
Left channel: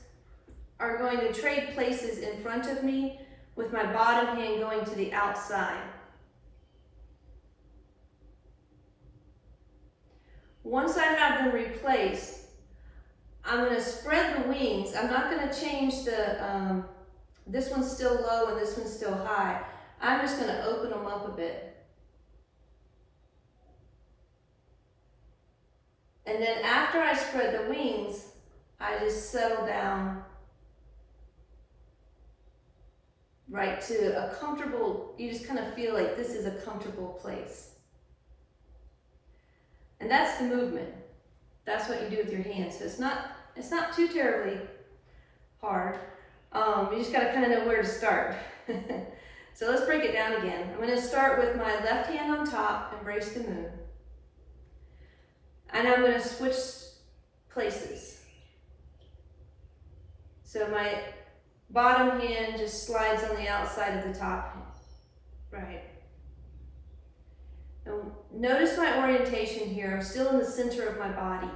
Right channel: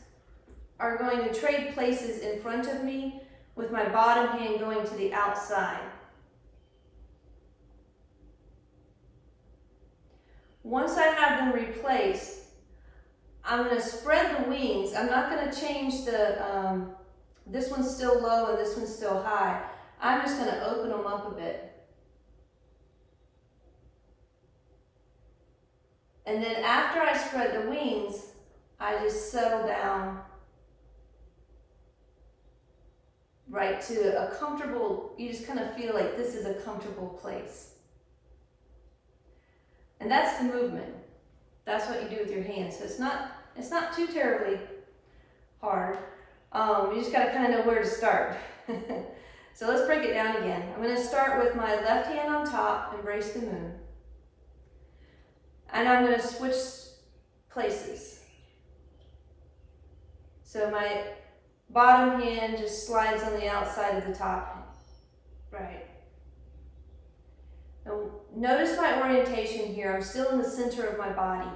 are going to trade places in front of me with my bottom hand going to the outside. Once I have them replaced, I'm going to spread the wings. I'm not going to change this one's still low and this one's still high. I'm just going to open them up a bit. And then after I spread the wings, I just settle down right to a comfortable, you just kind of feel like this is a comfortable place. And that's the movement. That's what you do with your hands. So it's not too terribly hard. You just gotta kind of know where to start. So let's break it down again. I'm gonna start with my left hand on top, embrace the moon. And I'm gonna switch places. So my bottom hand just slides on the outside of the top. Right. Now, notice my orientation here. I'm still in the center of my body.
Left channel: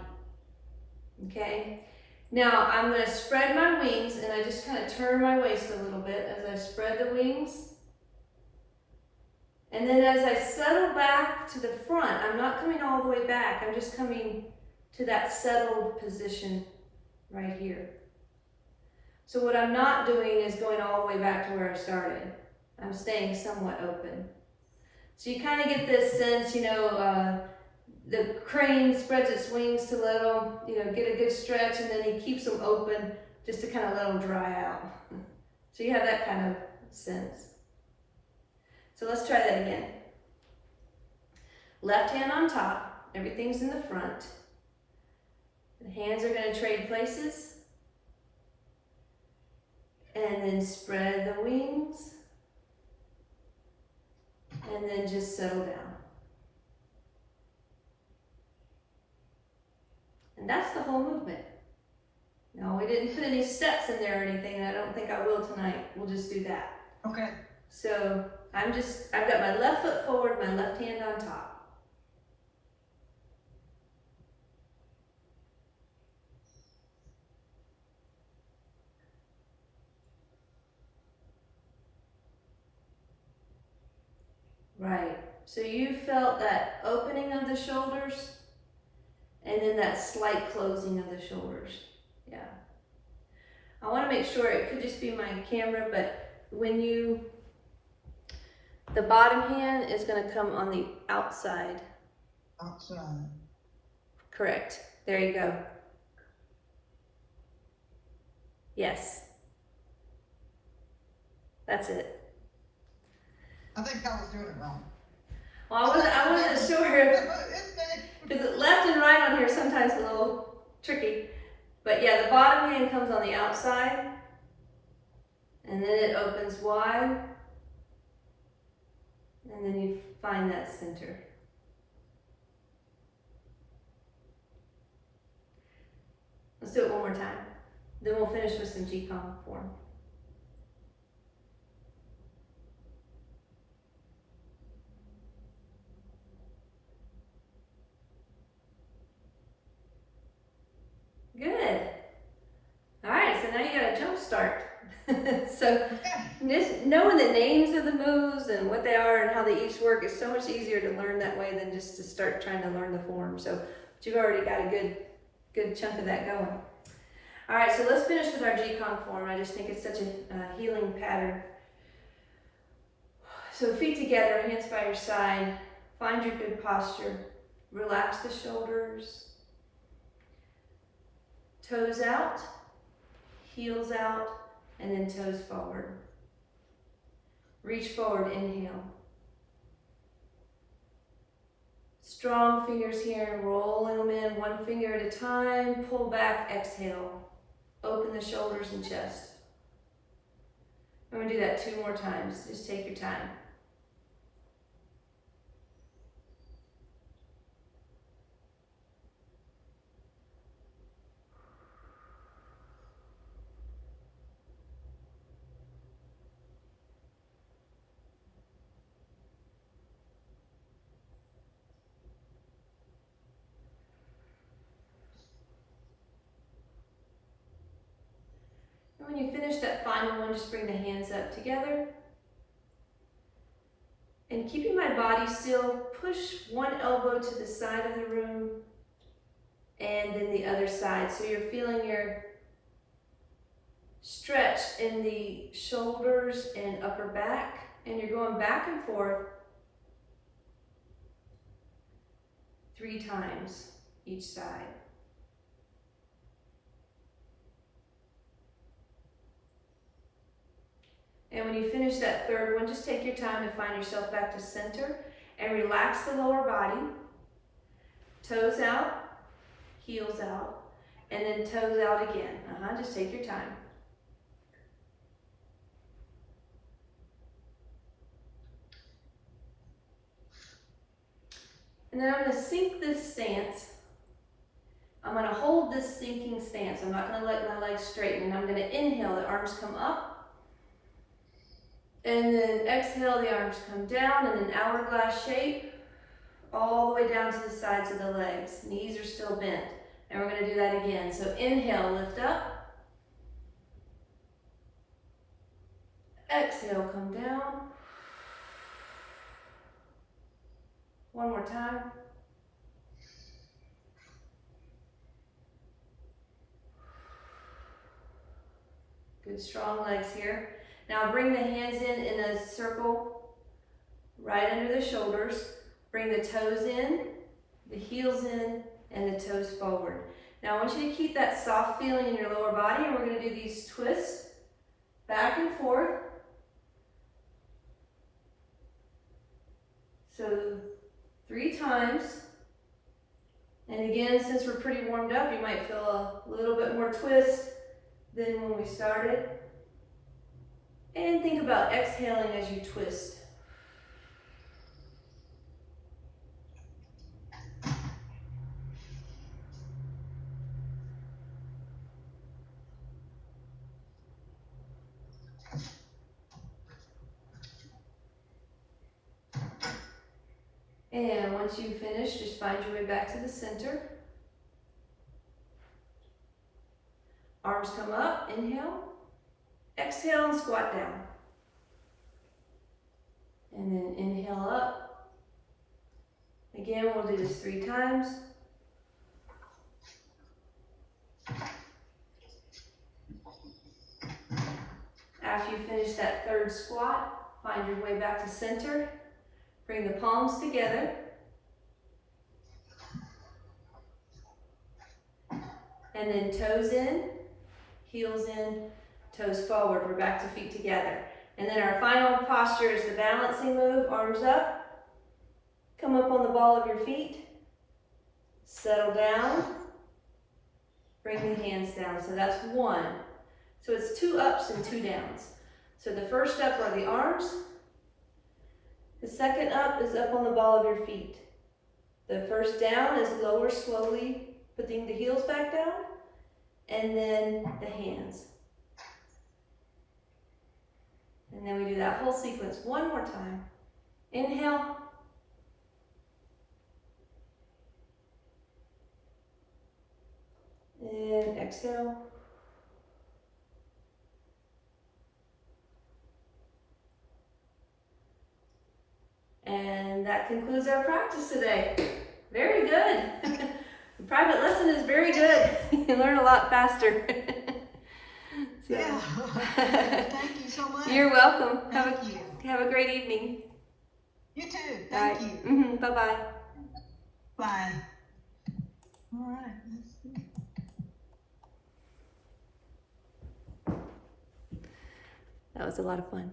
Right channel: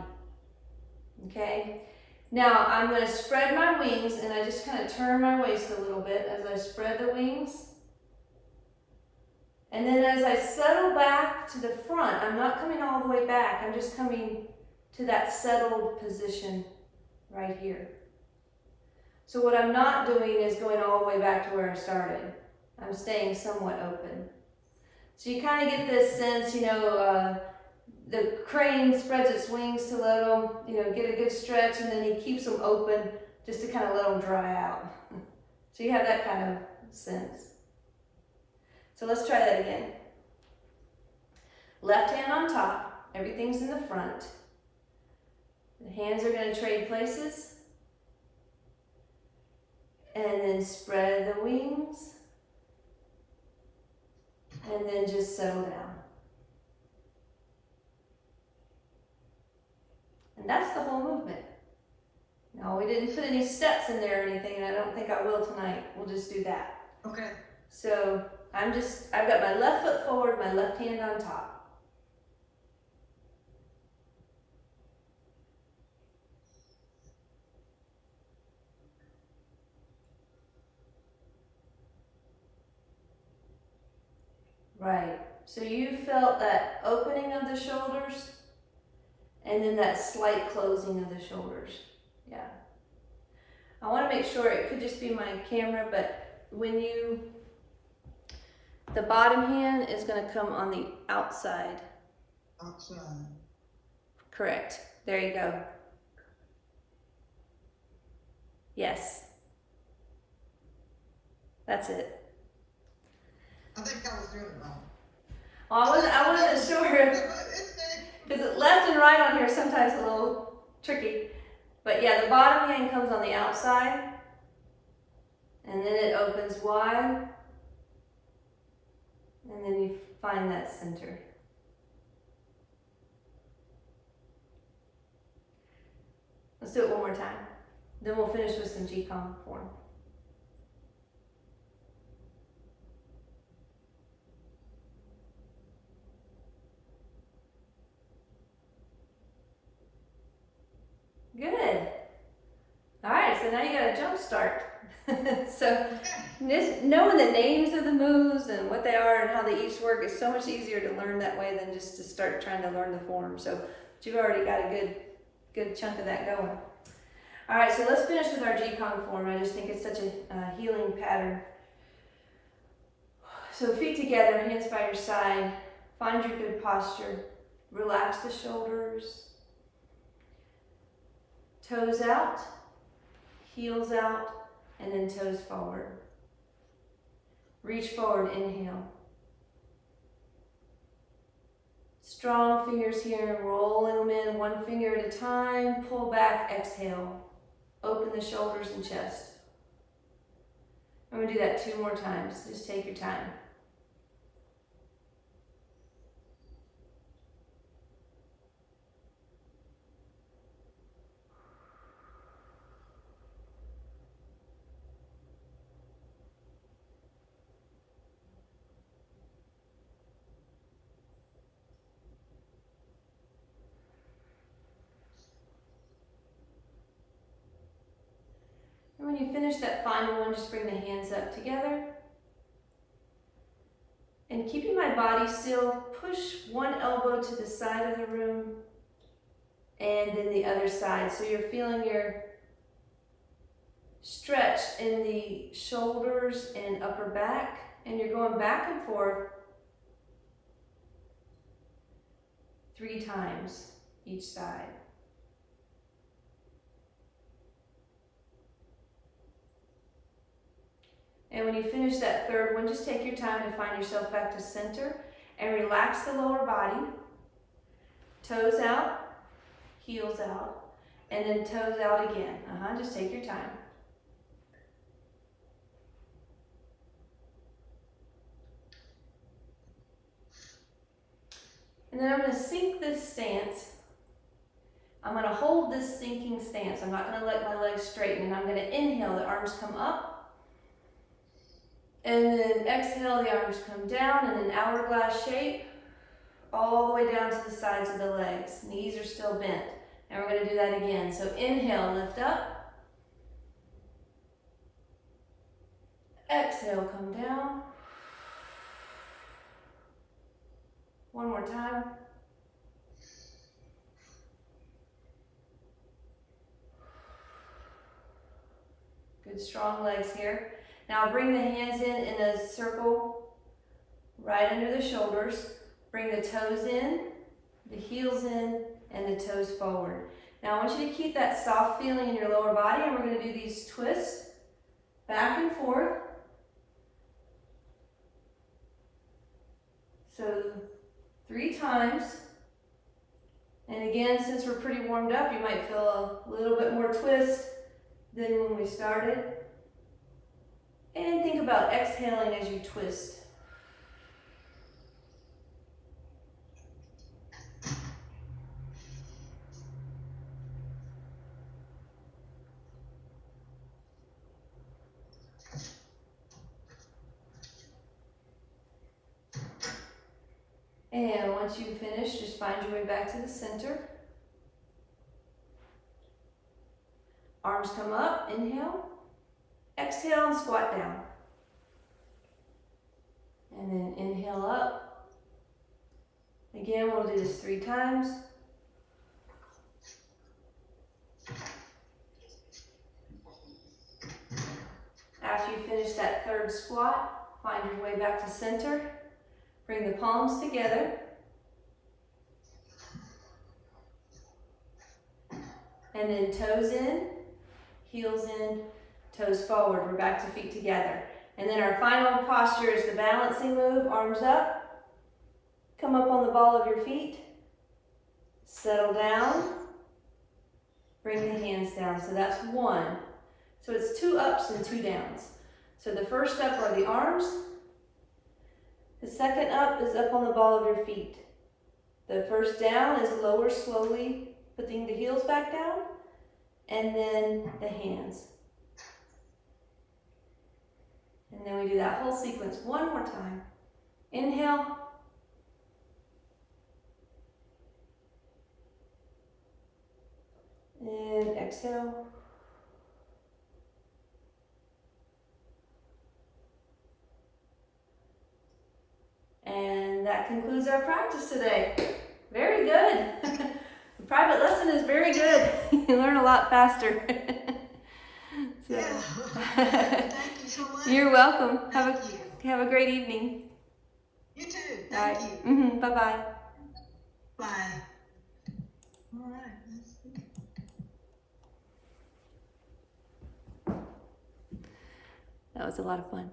Okay? Now I'm going to spread my wings, and I just kind of turn my waist a little bit as I spread the wings. And then as I settle back to the front, I'm not coming all the way back. I'm just coming to that settled position right here. So what I'm not doing is going all the way back to where I started. I'm staying somewhat open. So you kind of get this sense, the crane spreads its wings to let them, get a good stretch, and then he keeps them open just to kind of let them dry out. So you have that kind of sense. So let's try that again. Left hand on top, everything's in the front. The hands are going to trade places. And then spread the wings. And then just settle down. And that's the whole movement. No, we didn't put any steps in there or anything, and I don't think I will tonight. We'll just do that. Okay. So I've got my left foot forward, my left hand on top. Right, so you felt that opening of the shoulders and then that slight closing of the shoulders. Yeah. I want to make sure, it could just be my camera, but the bottom hand is going to come on the outside. Outside. Correct. There you go. Yes. That's it. I think I was doing it wrong. Well, I wasn't sure because left and right on here is sometimes a little tricky. But yeah, the bottom hand comes on the outside, and then it opens wide, and then you find that center. Let's do it one more time. Then we'll finish with some Qigong form. Good. All right, so now you got a jump start. So just knowing the names of the moves and what they are and how they each work is so much easier to learn that way than just to start trying to learn the form. So you've already got a good chunk of that going. All right, so let's finish with our Qigong form. I just think it's such a healing pattern. So feet together, hands by your side. Find your good posture. Relax the shoulders. Toes out, heels out, and then toes forward. Reach forward, inhale. Strong fingers here, rolling them in one finger at a time. Pull back, exhale. Open the shoulders and chest. I'm going to do that 2 more times. Just take your time. And when you finish that final one, just bring the hands up together. And keeping my body still, push one elbow to the side of the room and then the other side. So you're feeling your stretch in the shoulders and upper back, and you're going back and forth 3 times each side. And when you finish that third one, just take your time to find yourself back to center and relax the lower body. Toes out, heels out, and then toes out again. Just take your time. And then I'm gonna sink this stance. I'm gonna hold this sinking stance. I'm not gonna let my legs straighten. And I'm gonna inhale, the arms come up. And then exhale, the arms come down in an hourglass shape, all the way down to the sides of the legs. Knees are still bent. And we're gonna do that again. So inhale, lift up. Exhale, come down. One more time. Good strong legs here. Now bring the hands in a circle right under the shoulders. Bring the toes in, the heels in, and the toes forward. Now I want you to keep that soft feeling in your lower body, and we're going to do these twists back and forth. So 3 times. And again, since we're pretty warmed up, you might feel a little bit more twist than when we started. And think about exhaling as you twist. And once you finish, just find your way back to the center. Arms come up, inhale. Exhale and squat down. And then inhale up. Again, we'll do this 3 times. After you finish that 3rd squat, find your way back to center. Bring the palms together. And then toes in, heels in, toes forward. We're back to feet together. And then our final posture is the balancing move, arms up. Come up on the ball of your feet. Settle down. Bring the hands down. So that's 1. So it's 2 ups and 2 downs. So the first up are the arms. The second up is up on the ball of your feet. The first down is lower slowly, putting the heels back down, and then the hands. And then we do that whole sequence one more time. Inhale. And exhale. And that concludes our practice today. Very good. The private lesson is very good. You learn a lot faster. So. Yeah. Thank you so much. You're welcome. Thank you. Have a great evening. You too. All right. Thank you. Bye-bye. Bye. All right. Let's see. That was a lot of fun.